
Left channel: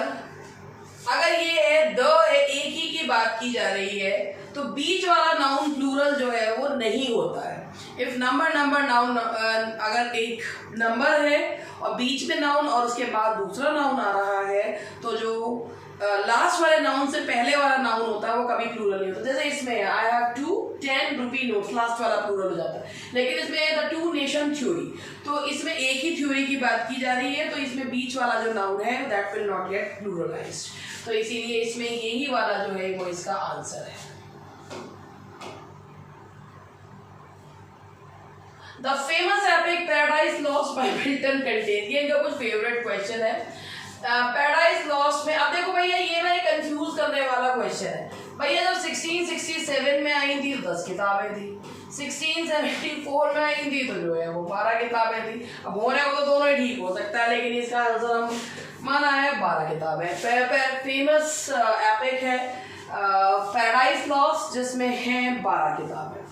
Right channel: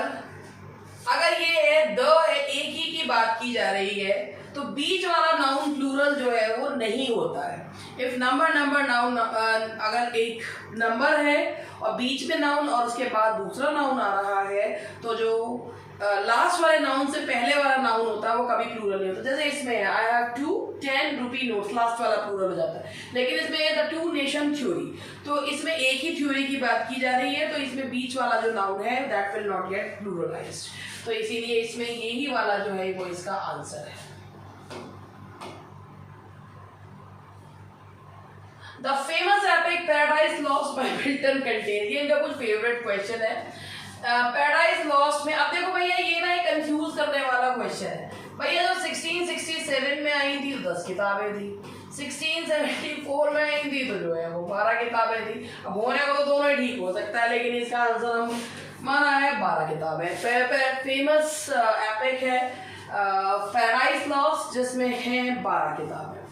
अगर ये है द है, एक ही की बात की जा रही है, तो बीच वाला नाउन प्लूरल जो है वो नहीं होता है। इफ नंबर नाउन, अगर एक नंबर है और बीच में नाउन और उसके बाद दूसरा नाउन आ रहा है, तो जो लास्ट वाले नाउन से पहले वाला नाउन होता है वो कभी प्लूरल नहीं होता। जैसे इसमें है I have 2 10 rupee notes, last वाला प्लूरल हो जाता है। लेकिन इसमें द 2 नेशन थ्योरी, तो इसमें एक ही थ्योरी की बात की जा रही है, तो इसमें बीच वाला जो नाउन है दैट विल नॉट गेट प्लूरलाइज्ड। तो इसीलिए इसमें यही वाला जो है वो इसका आंसर है। The famous epic paradise lost by Milton contains, ये इनका कुछ फेवरेट क्वेश्चन है। पैराडाइज लॉस्ट में अब देखो भैया, ये ना एक कंफ्यूज करने वाला क्वेश्चन है। भैया जब 1667 में आई थी 10 किताबें थी, 1674 में आई थी तो जो है वो 12 किताबें थी। अब होने को तो दोनों ही ठीक हो सकता है, लेकिन इसका आंसर हम माना है 12 किताबें। फेमस एपिक है पैराडाइज लॉस्ट, जिसमें हैं 12 किताबें।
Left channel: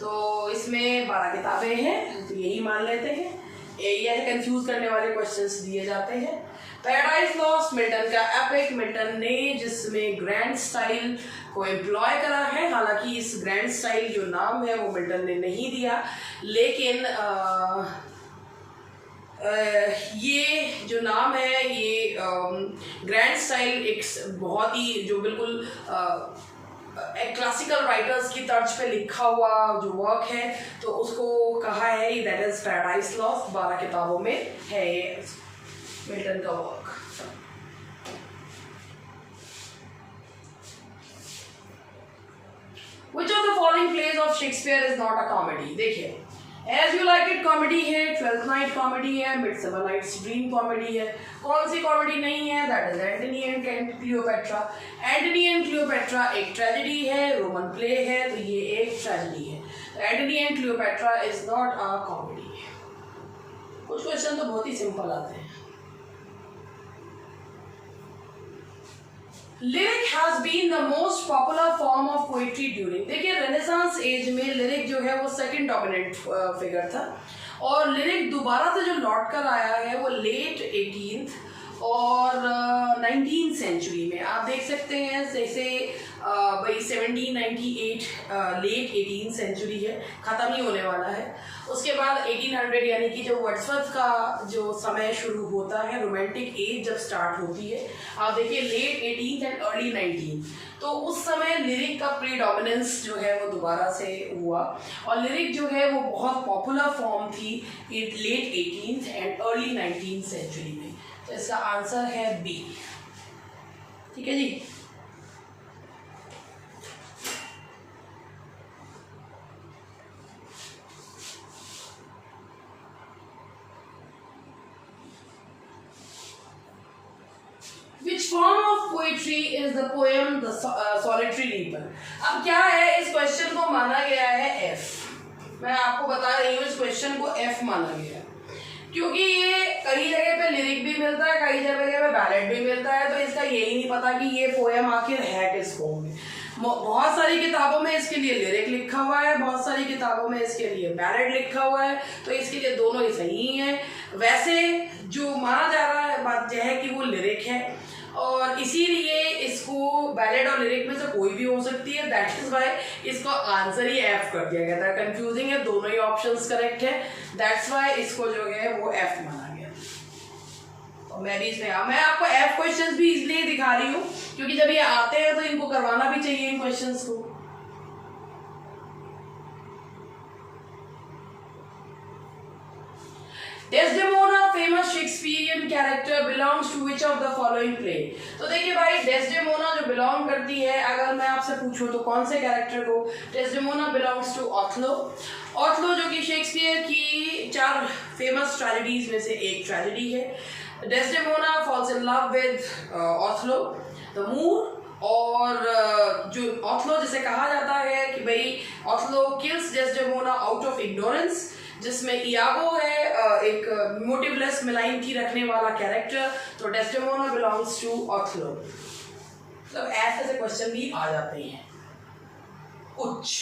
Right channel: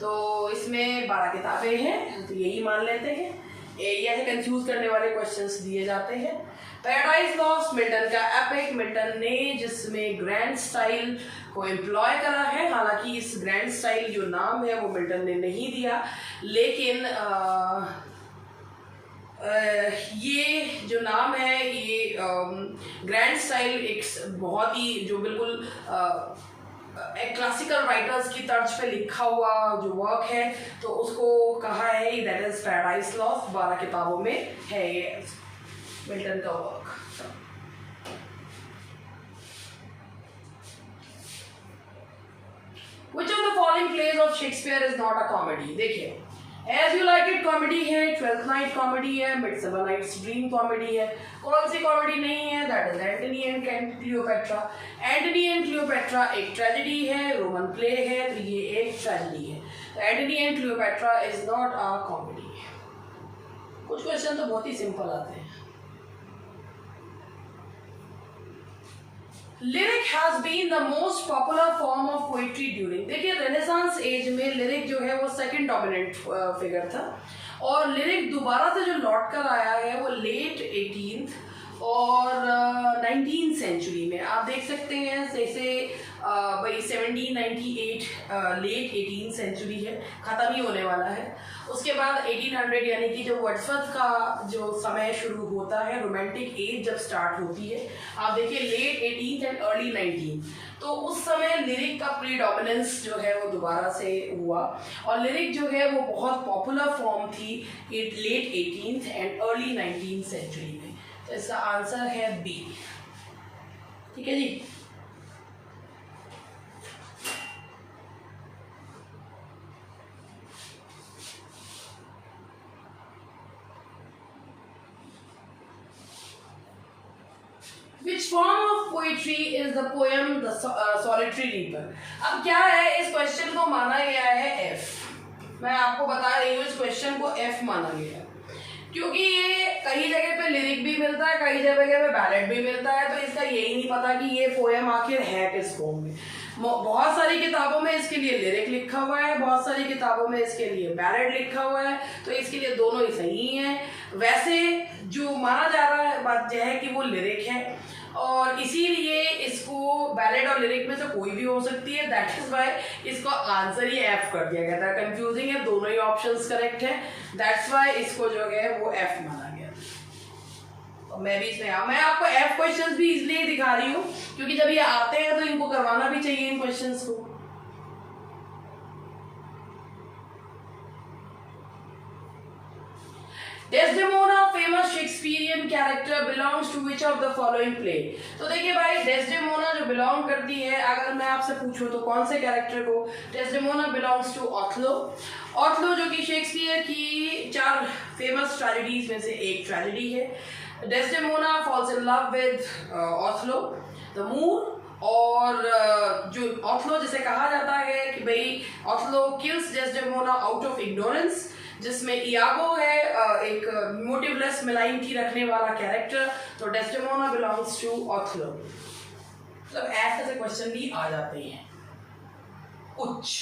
तो इसमें 12 किताबें हैं, तो यही मान लेते हैं। ये कंफ्यूज करने वाले क्वेश्चंस दिए जाते हैं। पैराडाइज लॉस्ट मिल्टन का एपिक, मिल्टन ने जिसमें ग्रैंड स्टाइल को एम्प्लॉय करा है। हालांकि इस ग्रैंड स्टाइल जो नाम है वो मिल्टन ने नहीं दिया, लेकिन ये जो नाम है ये ग्रैंड स्टाइल एक बहुत ही जो बिल्कुल क्लासिकल राइटर्स की तर्ज पे लिखा हुआ जो वर्क है, तो उसको कहा है दैट इज पैराडाइज लॉस्ट। 12 किताबों में है ये मिल्टन का work. Which of the following plays of Shakespeare is not a comedy? देखिए, as you like it comedy है, ट्वेल्थ नाइट कॉमेडी है, मिडसमर नाइट्स ड्रीम कॉमेडी है। कौन सी कॉमेडी नहीं है? That is Antony and Cleopatra. Antony and Cleopatra एक ट्रेजेडी है, रोमन प्ले है, तो ये एक ट्रेजेडी है। तो Antony and Cleopatra is not a comedy. कुछ क्वेश्चन तो बहुत ही सिंपल आते हैं। Lyric has been the most popular form of poetry during, देखिए रेनेसांस एज में लिरिक जो है वो सेकंड डोमिनेंट फिगर था, और लिरिक दोबारा से जो लौट कर आया है वो लेट 18th और 19th सेंचुरी में। आप देख सकते हैं जैसे भाई 1798 लेट 18th सेंचुरी है, ख़त्म ही होने वाला है। उसके बाद 1800 यानी कि जो वर्ड्सवर्थ का जो समय शुरू होता है, रोमांटिक एज जब स्टार्ट होती है, आप देखिए late 18th and early 19th, तो उस समय लिरिक का प्रीडोमिनेंस जो है वो दोबारा से हुआ, और लिरिक जो है वो बहुत पॉपुलर फॉर्म थी late 18th and early 19th century में। तो इसका आंसर है बी। ठीक है जी। Which form of poetry is the poem The Solitary Reaper? अब क्या है, इस क्वेश्चन को माना गया है F। मैं आपको बता रही हूँ इस क्वेश्चन को F माना गया, क्योंकि ये कई जगह पे लिरिक भी मिलता है, कई जगह पे बैलेड भी मिलता है, तो इसका यही नहीं पता कि ये पोएम आखिर है किस फॉर्म में। बहुत सारी किताबों में इसके लिए लिरिक लिखा हुआ है, बहुत सारी किताबों में इसके लिए बैलेड लिखा हुआ है, तो इसके लिए दोनों ही सही हैं। वैसे जो माना जा रहा है बात यह है कि वो लिरिक है, और इसीलिए इसको बैलेड और लिरिक में से कोई भी हो सकती है। दैट इज वाई इसको आंसर ही एफ कर दिया गया था। कंफ्यूजिंग है, दोनों ही ऑप्शंस करेक्ट है, दैट्स वाई इसको जो है वो एफ माना गया। तो मैं भी इसमें मैं आपको एफ क्वेश्चंस भी इसलिए दिखा रही हूँ क्योंकि जब ये आते हैं तो इनको करवाना भी चाहिए इन क्वेश्चंस को। Desdemona, famous Shakespearean character, belongs to which of the following play? तो देखिए भाई, Desdemona जो बिलोंग करती है, अगर मैं आपसे पूछूं तो कौन से कैरेक्टर को? Desdemona belongs to Othello। Othello जो कि शेक्सपियर की 4 फेमस ट्रेजेडीज में से एक ट्रेजेडी है। Desdemona falls in love with Othello, the Moor, और जो Othello जिसे कहा जाता है कि भाई Othello kills Desdemona out of ignorance, जिसमें इयागो है एक मोटिवलेस मेलाइनिटी रखने वाला कैरेक्टर। तो डेस्डेमोना बिलोंग्स टू ऑथलो। मतलब ऐसे क्वेश्चन भी आ जाते हैं। उच्च,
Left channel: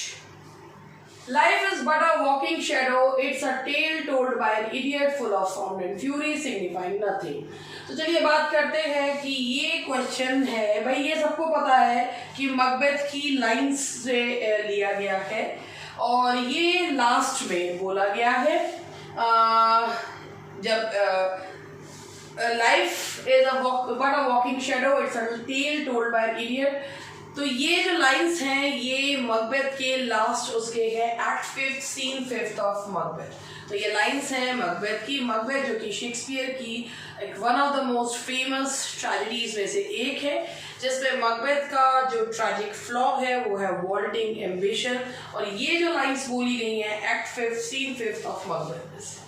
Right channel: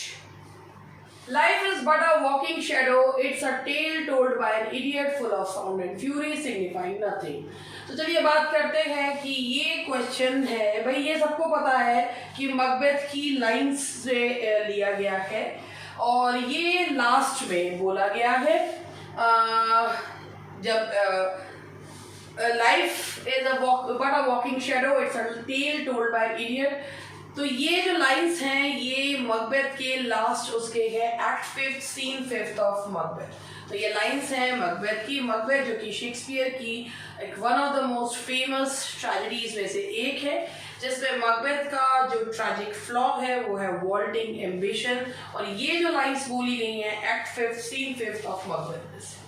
life is but a walking shadow, it's a tale told by an idiot full of sound and fury signifying nothing. तो चलिए बात करते हैं कि ये क्वेश्चन है भाई, ये सबको पता है कि मकबेथ की लाइंस से लिया गया है, और ये लास्ट में बोला गया है जब life is but a walking shadow, it's a tale told by an idiot. तो ये जो लाइंस हैं ये मकबेथ के लास्ट उसके है एक्ट 5 सीन 5 ऑफ मकबेथ। तो ये लाइंस हैं मकबेथ की। मकबेथ जो कि शेक्सपियर की एक one of the most famous tragedies में से एक है, जिसमें मकबेथ का जो ट्रैजिक फ्लॉ है वो है वॉल्टिंग एम्बिशन, और ये जो लाइंस बोली गई हैं एक्ट 5 सीन 5 ऑफ मकबेथ में से।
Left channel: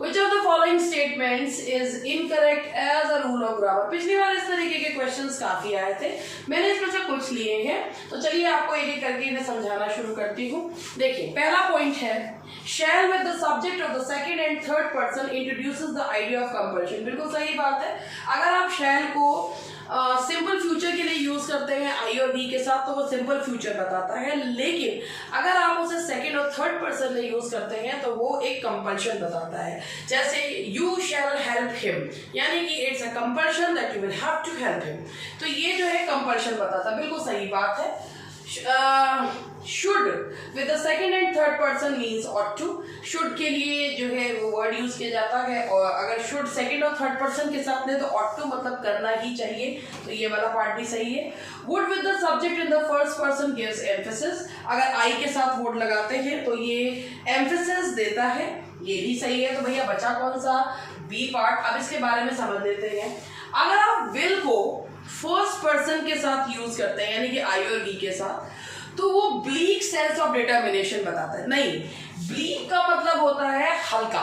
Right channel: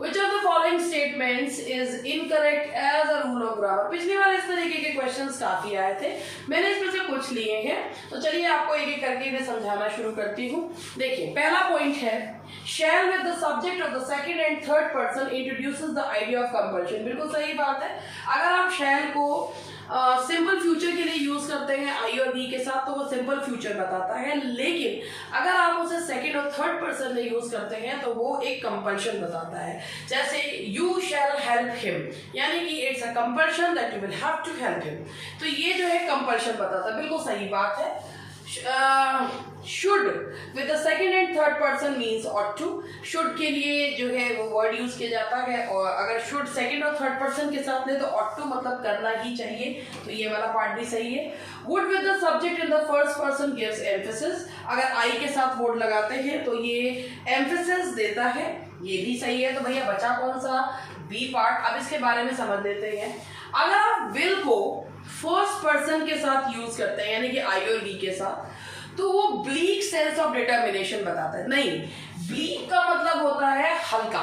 Which of the following statements is incorrect as a rule of grammar? पिछली बार इस तरीके के क्वेश्चंस काफी आए थे, मैंने इसमें से कुछ लिए हैं, तो चलिए आपको एक एक करके इन्हें समझाना शुरू करती हूँ। देखिए पहला पॉइंट है, shall with the subject of the second and third person introduces the idea of compulsion। बिल्कुल सही बात है। अगर आप shall को सिंपल फ्यूचर के लिए यूज करते हैं आई और बी के साथ तो वो सिंपल फ्यूचर बताता है, लेकिन अगर आप उसे सेकंड और थर्ड पर्सन में यूज करते हैं तो वो एक कंपल्शन बताता है। जैसे यू शैल हेल्प हिम, यानी कि it's a compulsion that you will have to help him. तो ये जो है कंपल्शन बताता है, बिल्कुल सही बात है। Should with the second and third person means ought to. Should के लिए जो है वो वर्ड यूज किया जाता है, और अगर शुड सेकंड और थर्ड पर्सन के साथ में तो ऑट टू मतलब करना ही चाहिए, तो ये वाला पार्ट भी सही है। Would with the subject in the first person gives emphasis, अगर आई के साथ वुड लगाते हैं तो ये एम्फेसिस देता है, ये भी सही है। तो भैया बचा कौन सा? B part. अब इसके बारे में समझ लेते हैं। अगर आप विल को फर्स्ट पर्सन के साथ यूज करते हैं यानी कि आई और बी के साथ, तो वो ब्लीक सेंस ऑफ डिटर्मिनेशन बताता है। नहीं, ब्लीक का मतलब होता है हल्का।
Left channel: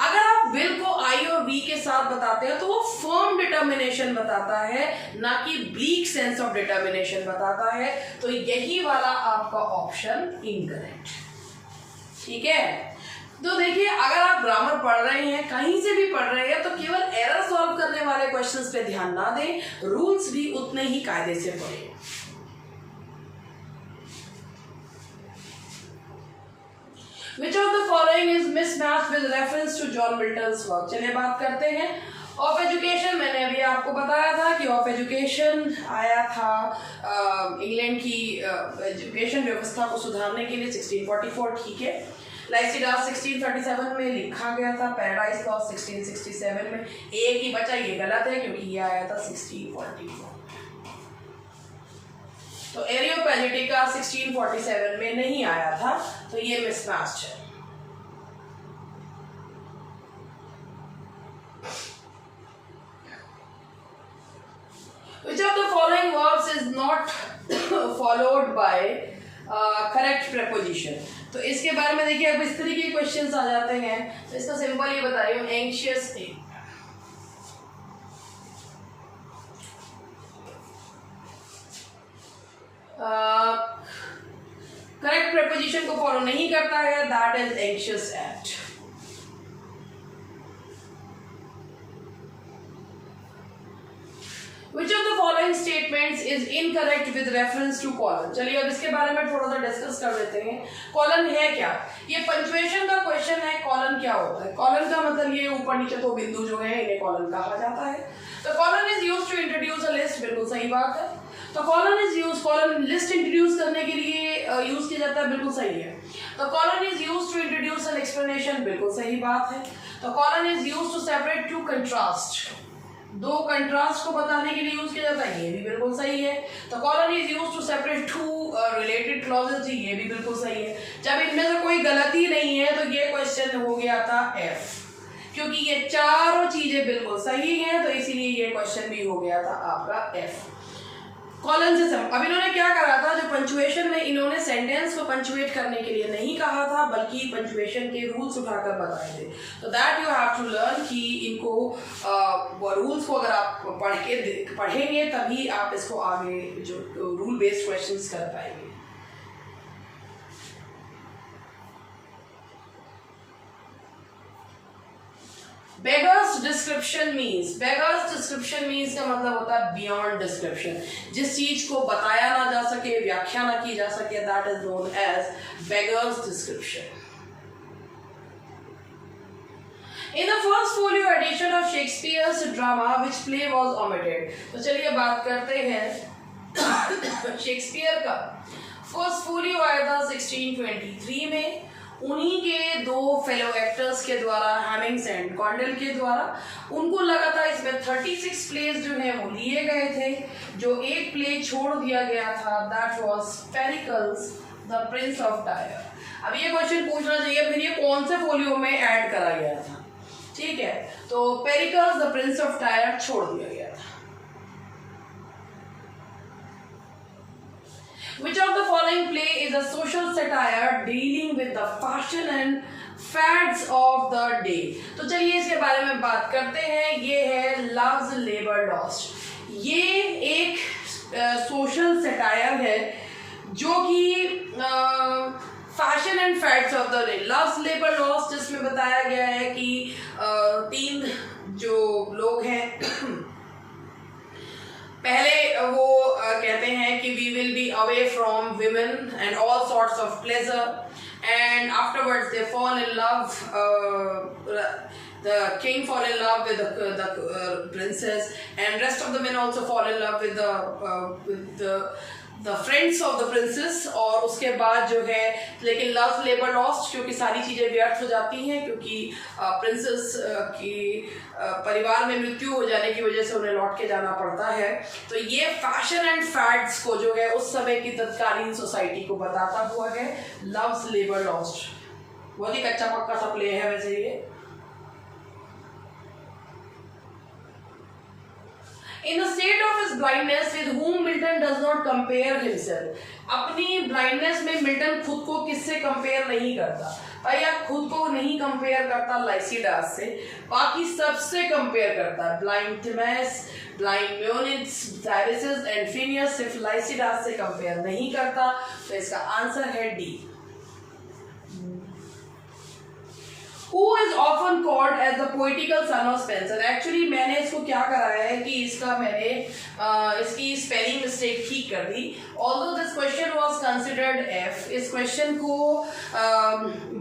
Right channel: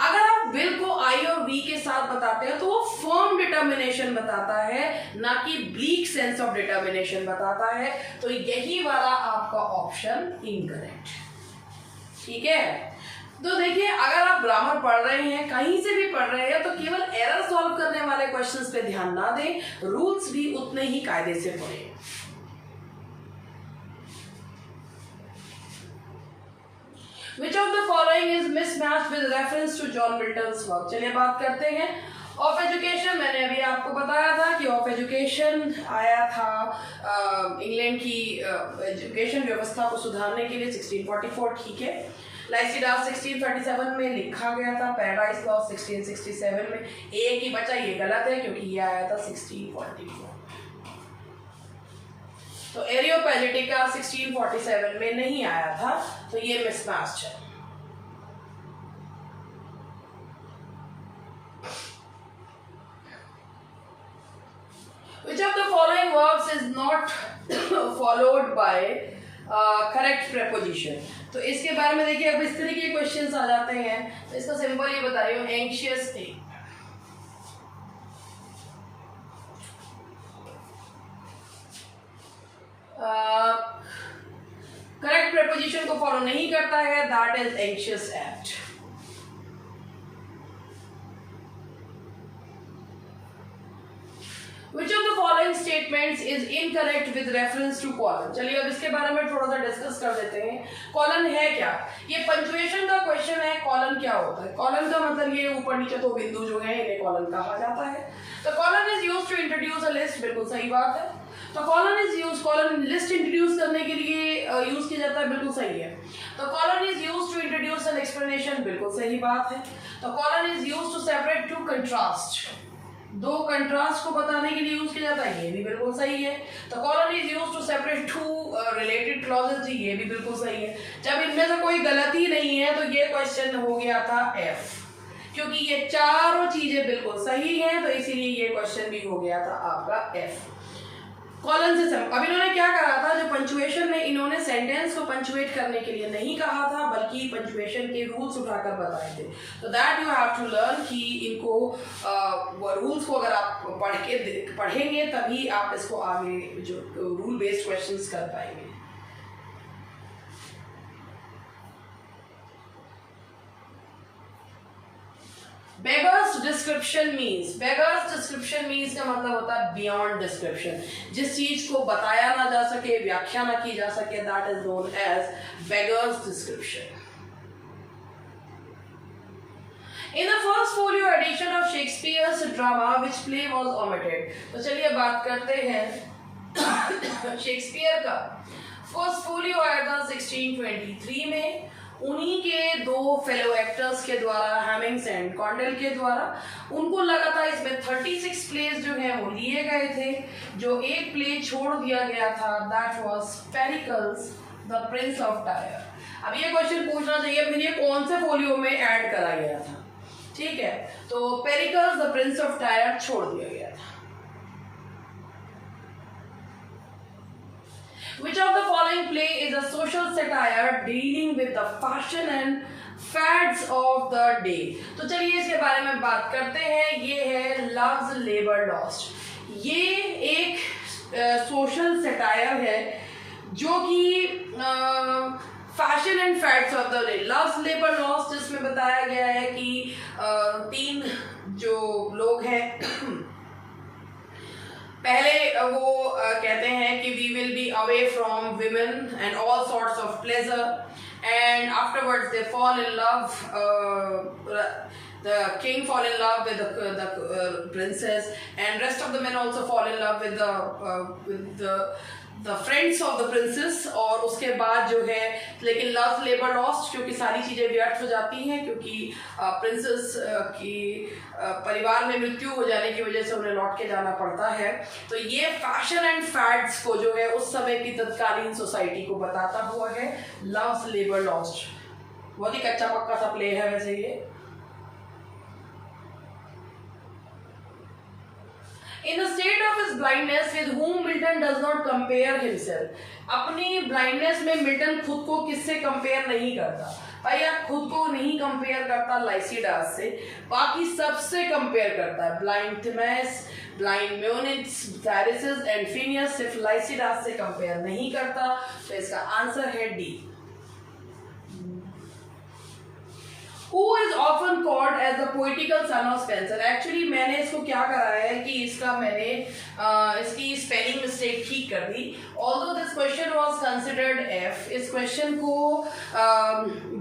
अगर आप विल को आई और वी के साथ बताते हैं तो वो फर्म डिटर्मिनेशन बताता है, ना कि ब्लीक सेंस ऑफ डिटर्मिनेशन बताता है। तो यही वाला आपका ऑप्शन इनकरेक्ट। ठीक है, तो देखिए अगर आप ग्रामर पढ़ रहे हैं, कहीं से भी पढ़ रहे हैं, तो केवल एरर सॉल्व करने वाले क्वेश्चंस पे ध्यान ना दें, रूल्स भी उतने ही कायदे से पढ़ें। Which of the following is mismatched with reference to John Milton's work? चलिए बात करते हैं ऑफ एजुकेशन। मैंने अभी आपको बताया था कि ऑफ एजुकेशन आया था इंग्लैंड की एजुकेशन व्यवस्था को सुधारने के लिए 1644। ठीक है, लाइसिडास 1637 में लिखा गया था, पैराडाइज लॉ 1667 में। एक ही बचा, ये गलत है क्योंकि ये आया था 1644। तो एरियोपैजिटिका 1647 में नहीं आया था, तो ये मिसमैच है। Which of the following verbs is not followed by correct preposition? तो इसके बारे में देखिए, अब इस तरीके के क्वेश्चंस आ जाते हैं, तो इसका सिंपल ये बता रही हूँ, एंशियस स्टेट। करेक्ट प्रेपोजिशन को फॉलो नहीं करता है, that is anxious at. Which of the following statements is incorrect with reference to colon? चलिए अब इसके बारे में थोड़ा सा डिस्कस कर लेते हैं। कॉलन है क्या? ये पंक्चुएशन का क्वेश्चन है। कॉलन क्या होता है? कॉलन का मतलब ये ऊपर नीचे दो बिंदु जो है इन्हें कॉलन कहा जाता है। तो colon is used to introduce a list, बिल्कुल सही बात है। तो colon is use, colon list introduce करने के लिए यूज किया जाता है, बिल्कुल सही है। तो colon is use to introduce an explanation, बिल्कुल सही बात है। तो colon is use to separate two contrast, दो कंट्रास्ट को बताने के लिए यूज किया जाता है, ये भी बिल्कुल सही है। तो colon is use to separate two related clauses, जी ये भी बिल्कुल सही है। जब इनमें से कोई गलती नहीं है तो ये क्वेश्चन हो गया था एफ, क्योंकि ये चारों चीजें बिल्कुल सही हैं, तो इसीलिए ये क्वेश्चन भी हो गया था आपका एफ। कॉलन से अब इन्होंने क्या करा था, जो पंचुएशन में इन्होंने सेंटेंस को पंचुएट करने के लिए नहीं कहा था, बल्कि पंचुएशन के रूल्स उठाकर बताए थे। तो that you have to learn कि इनको रूल्स को अगर आप पढ़ेंगे तभी आप इसको आगे जो रूल बेस्ड क्वेश्चंस कर पाएंगे। Beggars description means, beggars description means का मतलब होता है बियॉन्ड डिस्क्रिप्शन, जिस चीज को बताया ना जा सके, व्याख्या ना की जा सके, that is known as beggars description. In the first folio edition of Shakespeare's drama, which play was omitted? तो चलिए बात करते हैं शेक्सपियर का। फर्स्ट फोलियो आया था 1623 में, उन्हीं के दो फेलो एक्टर्स के द्वारा, हेमिंग्स एंड कॉन्डेल के द्वारा। उनको लगा था इसमें 36 प्लेस जो है वो लिए गए थे, जो एक प्ले छोड़ दिया गया था, that was Pericles the Prince of tyre. अब ये क्वेश्चन पूछना चाहिए फिर ये कौन से फोलियो में ऐड करा गया था, ठीक है। तो Pericles the Prince of tyre छोड़ दिया गया था। Which of the following play is a social satire dealing with the fashion and fads of the day? तो चलिए इसके बारे में बात करते हैं। ये है Love's Labour Lost। ये एक सोशल सटायर है जो कि fashion and fads of the day. Love's labour lost, जिसमें बताया गया है कि तीन जो लोग हैं पहले वो कहते हैं कि we will be away from women and all sorts of pleasure, and afterwards they fall in love, the king fall in love with the princess, and rest of the men also fall in love with the friends of the princess। और उसके बाद जो है, लेकिन love labour lost, क्योंकि सारी चीज़ें व्यर्थ हो जाती हैं, क्योंकि प्रिंसेस की परिवार में मृत्यु हो जाने की वजह से उन्हें लौट के जाना पड़ता है। तो ये फैशन एंड फैड्स को जो है उस समय की तत्कालीन सोसाइटी को बताता हुआ है लव्स लेबर लॉस्ट। बहुत ही कच्चा पक्का सा प्ले है वैसे ये। In the state of his blindness, with whom Milton does not compare himself. अपनी ब्लाइंडनेस में मिल्टन खुद को किससे कंपेयर नहीं करता? भैया खुद को नहीं कंपेयर करता लाइसिडास से, बाकी सबसे कंपेयर करता है। ब्लाइंड थिमेस, ब्लाइंड म्यूनिट्स, डायरिसिस एंड फिनियस सिर्फ लाइसिडास से कंपेयर नहीं करता। तो इसका आंसर है D. Who is often called as the poetical son of Spenser? Actually मैंने इसको क्या करा है कि इसका मैंने इसकी स्पेलिंग मिस्टेक ठीक कर दी। Although this question was considered F, इस क्वेश्चन को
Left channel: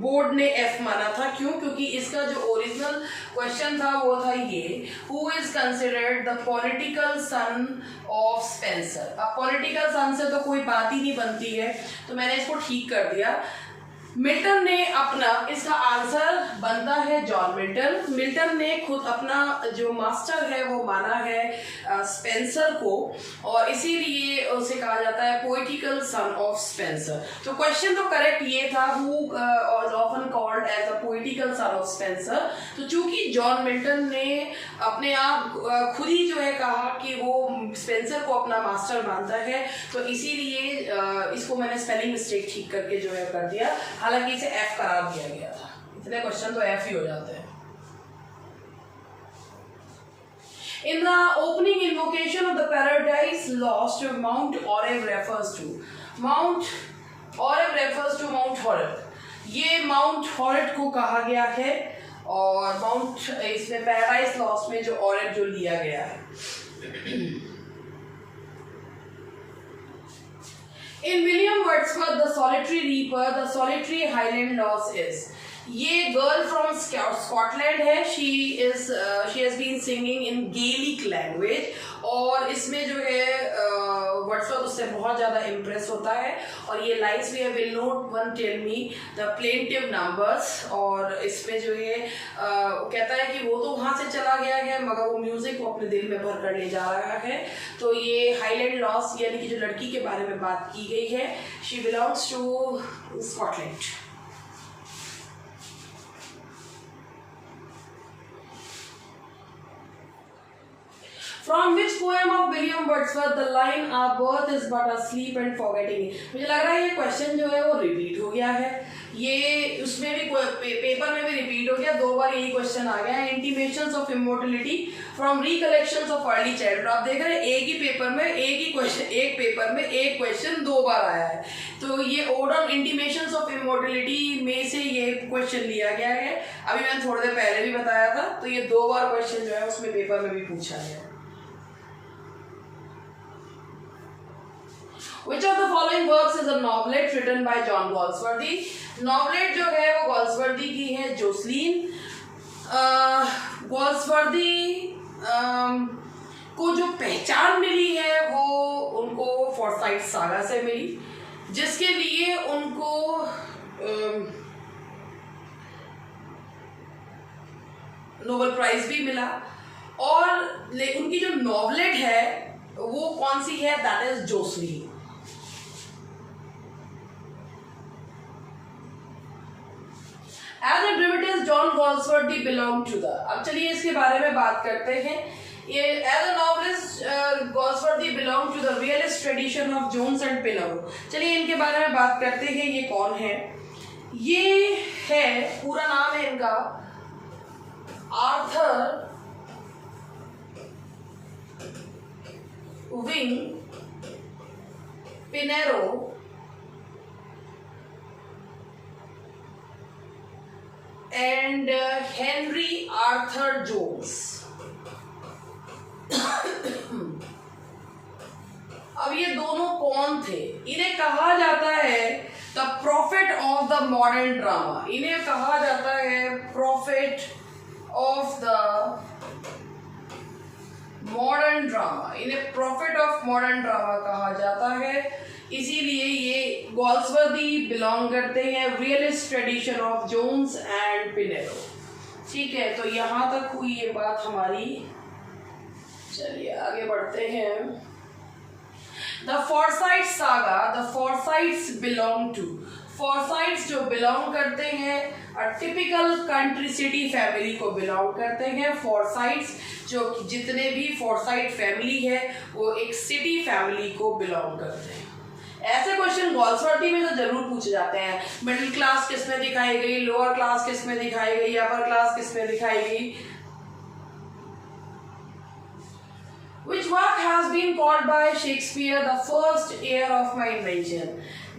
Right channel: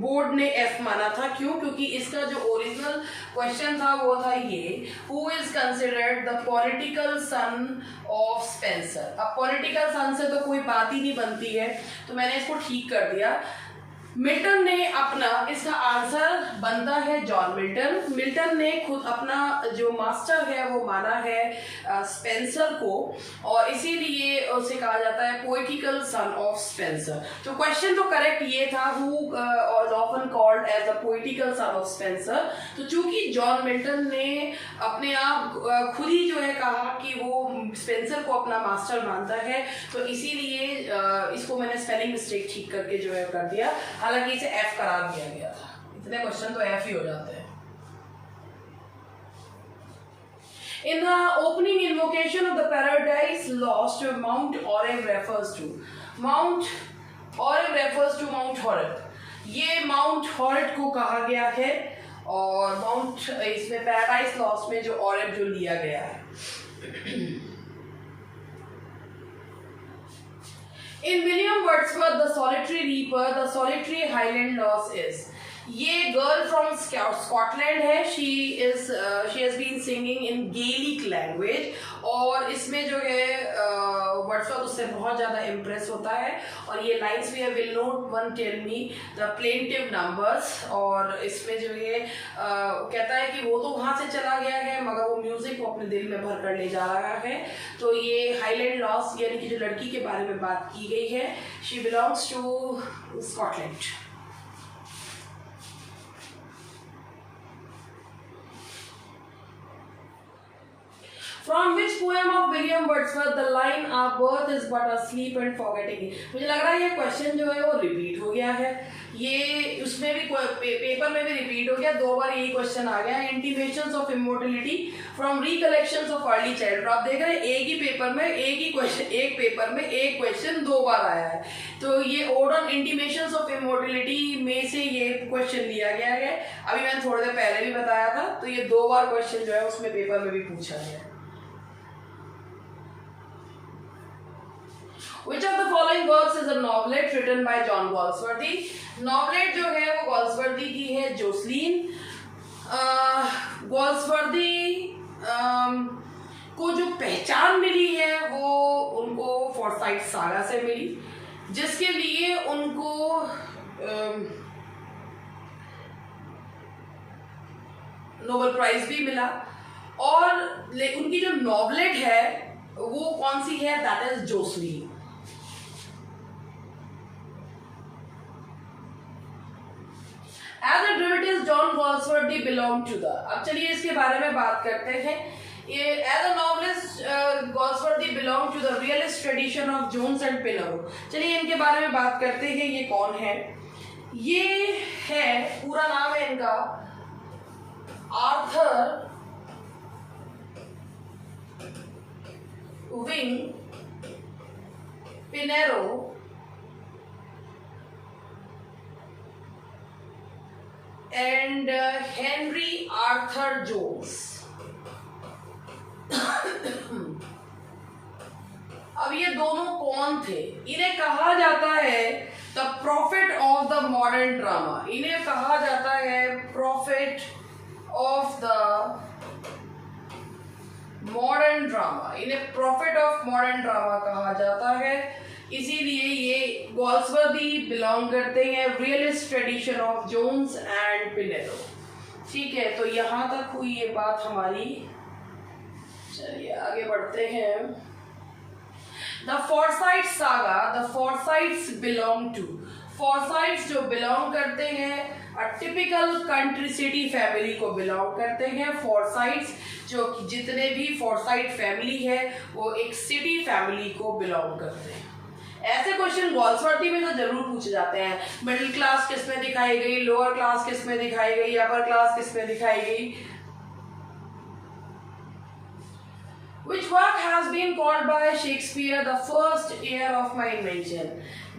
बोर्ड ने F माना था। क्यों? क्योंकि इसका जो ओरिजिनल क्वेश्चन था वो था ये, Who is considered the political son of Spenser? अब political son से तो कोई बात ही नहीं बनती है, तो मैंने इसको ठीक कर दिया। मिल्टन ने अपना, इसका आंसर बनता है जॉन मिल्टन। मिल्टन ने खुद अपना जो मास्टर है वो माना है स्पेंसर को, और इसीलिए उसे कहा जाता है पोएटिकल सन ऑफ स्पेंसर। तो क्वेश्चन तो करेक्ट ये था, who was often called as the poetical son of Spenser. तो चूंकि जॉन मिल्टन ने अपने आप खुद ही जो है कहा कि वो स्पेंसर को अपना मास्टर मानता है, तो इसीलिए इसको मैंने स्पेलिंग मिस्टेक ठीक करके जो है कर दिया। हालांकि इसे एफ करार दिया गया था, इतने क्वेश्चन तो एफ ही हो जाते हैं। In the opening invocation of the Paradise Lost, Mount Oreb refers to Mount Horeb। ये माउंट हॉरेब को कहा गया है, और माउंट इसमें पैराडाइज लॉस्ट में जो ऑरेब जो लिया गया है। In William Wordsworth, The Solitary Reaper, the solitary Highland loss is। ये गर्ल फ्रॉम स्कॉटलैंड है। she has been singing in Gaelic language, और इसमें जो है वर्ड्सवर्थ उससे बहुत ज़्यादा इम्प्रेस होता है। और ये लाइन्स भी है, will note one tell me the plaintive numbers, और इसमें जो है कहता है कि वो तो वहाँ से चला गया है मगर वो म्यूजिक को अपने दिल में भर कर ले जा रहा है। तो ये हाईलैंड लॉस यानी कि जो लड़की के बारे में बात की गई है, she belongs to Scotland. From which poem of William Wordsworth the line "Our birth is but a sleep and forgetting"? मुझे लग रहा है ये क्वेश्चन जो है वो रिपीट हो गया है, ये उसमें भी पेपर में भी रिपीट हो गया, 2 बार यही क्वेश्चन आ गया है। Intimations of immortality from recollections of early childhood. आप देख रहे हैं एक ही पेपर में एक पेपर में एक क्वेश्चन 2 बार आया है। तो ये odd on intimations of immortality में से ये क्वेश्चन लिया गया है। अभी मैंने थोड़ी देर पहले भी बताया था, तो ये 2 बार क्वेश्चन जो है उसमें पेपर में भी पूछा गया है। Which of the following works is a novelette written by John Galsworthy? नॉवलेट जो है वो गॉल्सवर्दी की है, जोसलीन। गॉल्सवर्दी को जो पहचान मिली है वो उनको फॉरसाइट सागा से मिली, जिसके लिए उनको नोबेल प्राइज भी मिला। और उनकी जो नॉवलेट है वो कौन सी है? That is Jocelyn. As a dramatist, John Galsworthy belonged to the। अब चलिए इसके बारे में बात करते हैं। ये as a novelist, Galsworthy belonged to the realist tradition of Jones and Pinero। चलिए इनके बारे में बात करते हैं, ये कौन है? ये है, पूरा नाम है इनका Arthur Wing Pinero and Henry Arthur Jones. अब ये दोनों कौन थे? इन्हें कहा जाता है the prophet of the modern drama. इन्हें कहा जाता है prophet of the modern drama. इन्हें प्रॉफिट ऑफ मॉडर्न ड्रामा कहा जाता है, इसीलिए ये गॉल्सवर्दी बिलोंग करते हैं realist tradition of Jones and Pinero. ठीक है, तो यहाँ तक हुई ये बात हमारी। चलिए आगे बढ़ते हैं। The Forsyte saga, the Forsytes belong to. Forsytes जो बिलोंग करते हैं टिपिकल कंट्री सिटी फैमिली को बिलोंग करते हैं। फॉर्साइट्स जो जितने भी फॉर्साइट फैमिली है वो एक सिटी फैमिली को बिलोंग करते हैं। ऐसे क्वेश्चन गॉल्सवर्दी में तो जरूर पूछे जाते हैं। मिडिल क्लास किस में दिखाई गई, लोअर क्लास किस में दिखाई गई, अपर क्लास किस में दिखाई गई। Which work has been called by Shakespeare the first heir of my invention?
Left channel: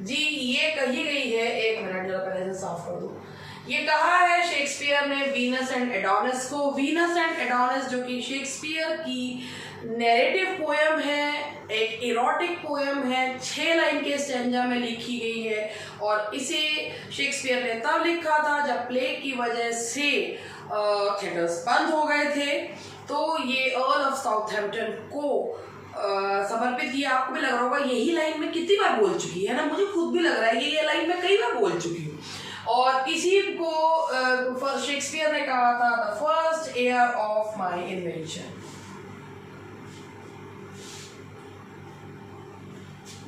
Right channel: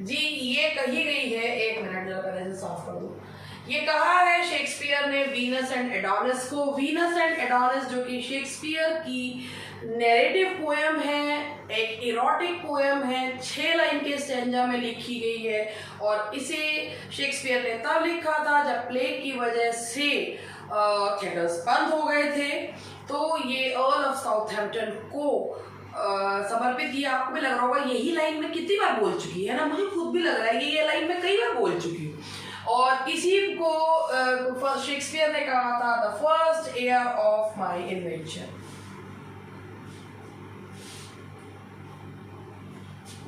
जी ये कही गई है, एक मिनट जरा पहले से साफ कर दूं। ये कहा है शेक्सपियर ने वीनस एंड एडोनिस को। वीनस एंड एडोनिस जो कि शेक्सपियर की नैरेटिव पोएम है, एक इरोटिक पोएम है, 6 लाइन के स्टैंजा में लिखी गई है और इसे शेक्सपियर ने तब लिखा था जब प्लेग की वजह से थिएटर्स बंद हो गए थे। तो ये अर्ल ऑफ साउथहैम्पटन को समर्पित किया। आपको भी लग रहा होगा यही लाइन में कितनी बार बोल चुकी है ना, मुझे खुद भी लग रहा है कि ये लाइन मैं कई बार बोल चुकी हूँ। और इसी को शेक्सपियर ने कहा था the first heir of my invention.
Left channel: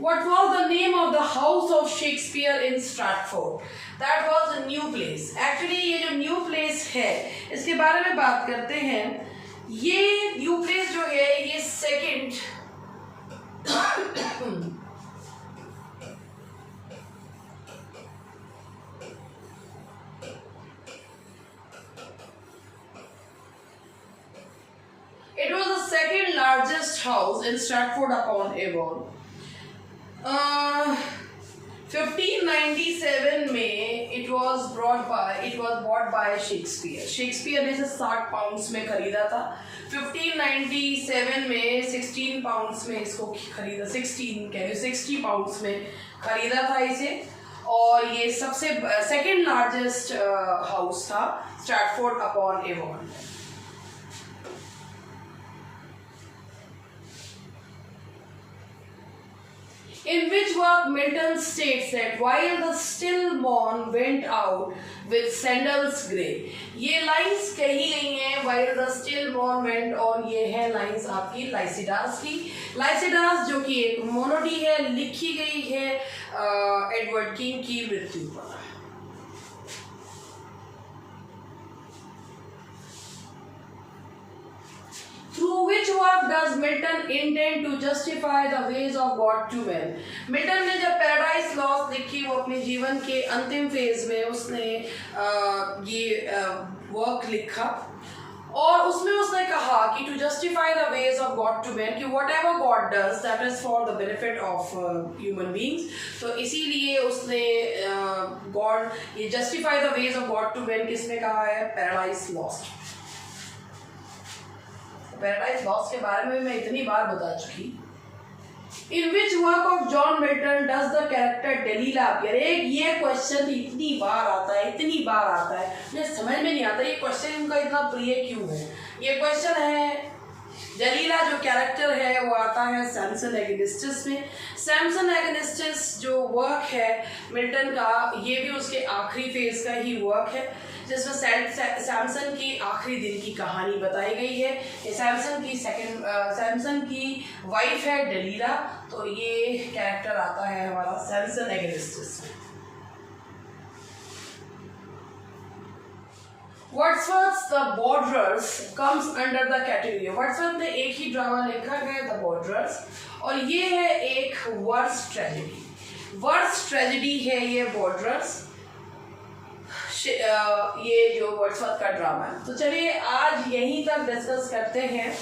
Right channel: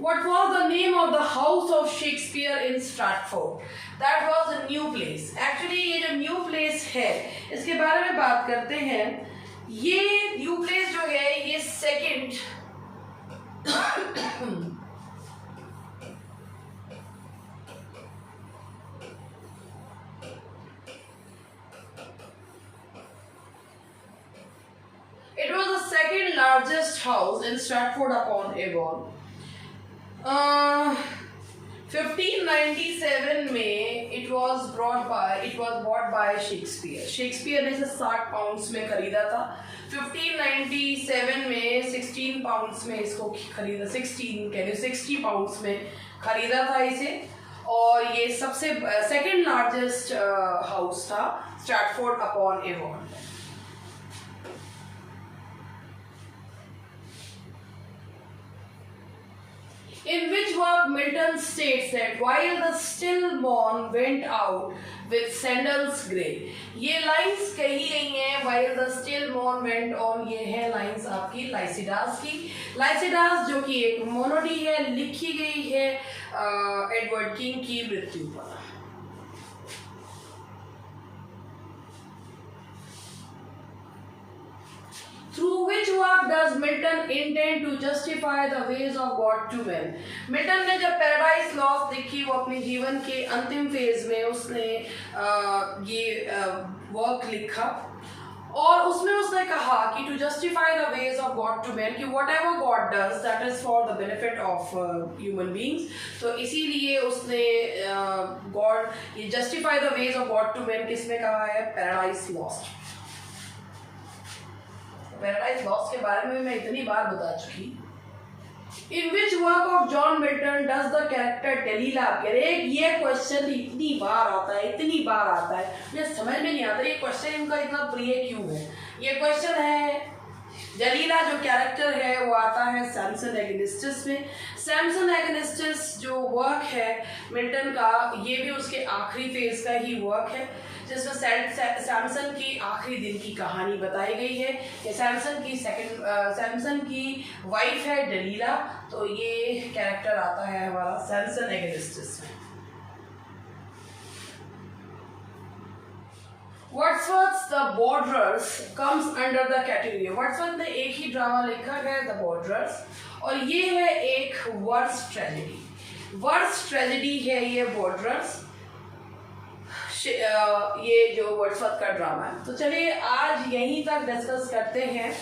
What was the name of the house of Shakespeare in Stratford? That was a new place. Actually ये जो new place है इसके बारे में बात करते हैं। ये न्यू प्लेस जो है ये second it was the second largest house in Stratford upon Avon। 1597 में it was bought by Shakespeare। Shakespeare ने इसे 60 पाउंड्स में खरीदा था। 1597 में 16 पाउंड्स में इसको खरीदा, 60 पाउंड्स में खरीदा था इसे। और ये सबसे सेकंड लार्जेस्ट हाउस था Stratford upon Avon. In which work Milton states that while the still morn went out with sandals grey। ये लाइंस कही गई हैं while the still morn went on। ये है लाइंस आपकी लाइसिडास की। लाइसिडास जो कि एक मोनोडी है, लिखी गई है एडवर्ड किंग की मृत्यु पर। Through which work does Milton intend to justify the ways of God to men? Milton ने जब पैराडाइज लॉस्ट लिखी वो अपने जीवन के अंतिम फेज में उसने ये वर्क लिखा और उसमें उसने कहा कि to justify the ways of God to man, कि whatever God does that is for the benefit of human beings. तो इसीलिए उसने गॉड ये justify the ways of God to man किसमें कहा है? Paradise lost. पैराडाइज लॉस्ट के बारे में मैं इतनी बार बता चुकी। In which work of John Milton does the character Delilah appear? ये क्वेश्चन इतनी बार आता है मुझे समझ में नहीं आता ये क्वेश्चन इनका इतना प्रिय क्यों है। ये क्वेश्चन है डेलीला जो कैरेक्टर है वो आता है सैमसन एगनिस्टिस में। सैमसन एगनिस्टिस जो वर्क है मिल्टन का ये भी उसके आखिरी फेज का ही वर्क है जिसमें सैमसन की आखिरी दिन की कहानी बताई गई है। ये सैमसन की वाइफ है डेलीला, तो ये कैरेक्टर आता है हमारा सैमसन एगनिस्टिस में। Wordsworth the borderers comes under the category. Wordsworth ने एक ही ड्रामा लिखा है द बॉर्डरर्स और ये है एक वर्ड्स ट्रेजेडी है ये बॉर्डरर्स, ये जो वर्ड्सवर्थ का ड्रामा है। तो चलिए आज यहीं तक डिस्कस करते हैं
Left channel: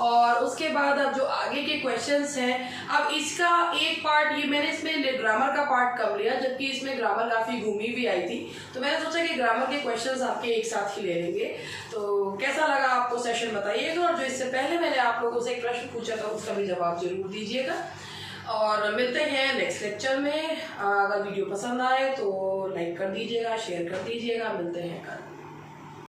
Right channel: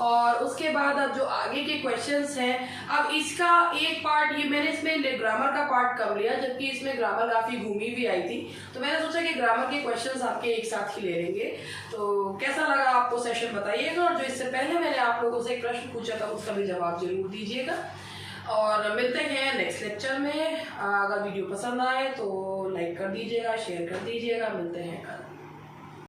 और उसके बाद अब जो आगे के क्वेश्चंस हैं, अब इसका एक पार्ट ये मैंने इसमें ग्रामर का पार्ट कम लिया जबकि इसमें ग्रामर काफ़ी घूमी भी आई थी, तो मैंने सोचा कि ग्रामर के क्वेश्चंस आपके एक साथ ही ले लेंगे। तो कैसा लगा आपको सेशन बताइएगा और जो इससे पहले मैंने आप लोगों से एक प्रश्न पूछा था उसका भी जवाब जरूर दीजिएगा और मिलते हैं नेक्स्ट लेक्चर में। अगर वीडियो पसंद आए तो लाइक कर दीजिएगा, शेयर कर दीजिएगा। मिलते हैं कल।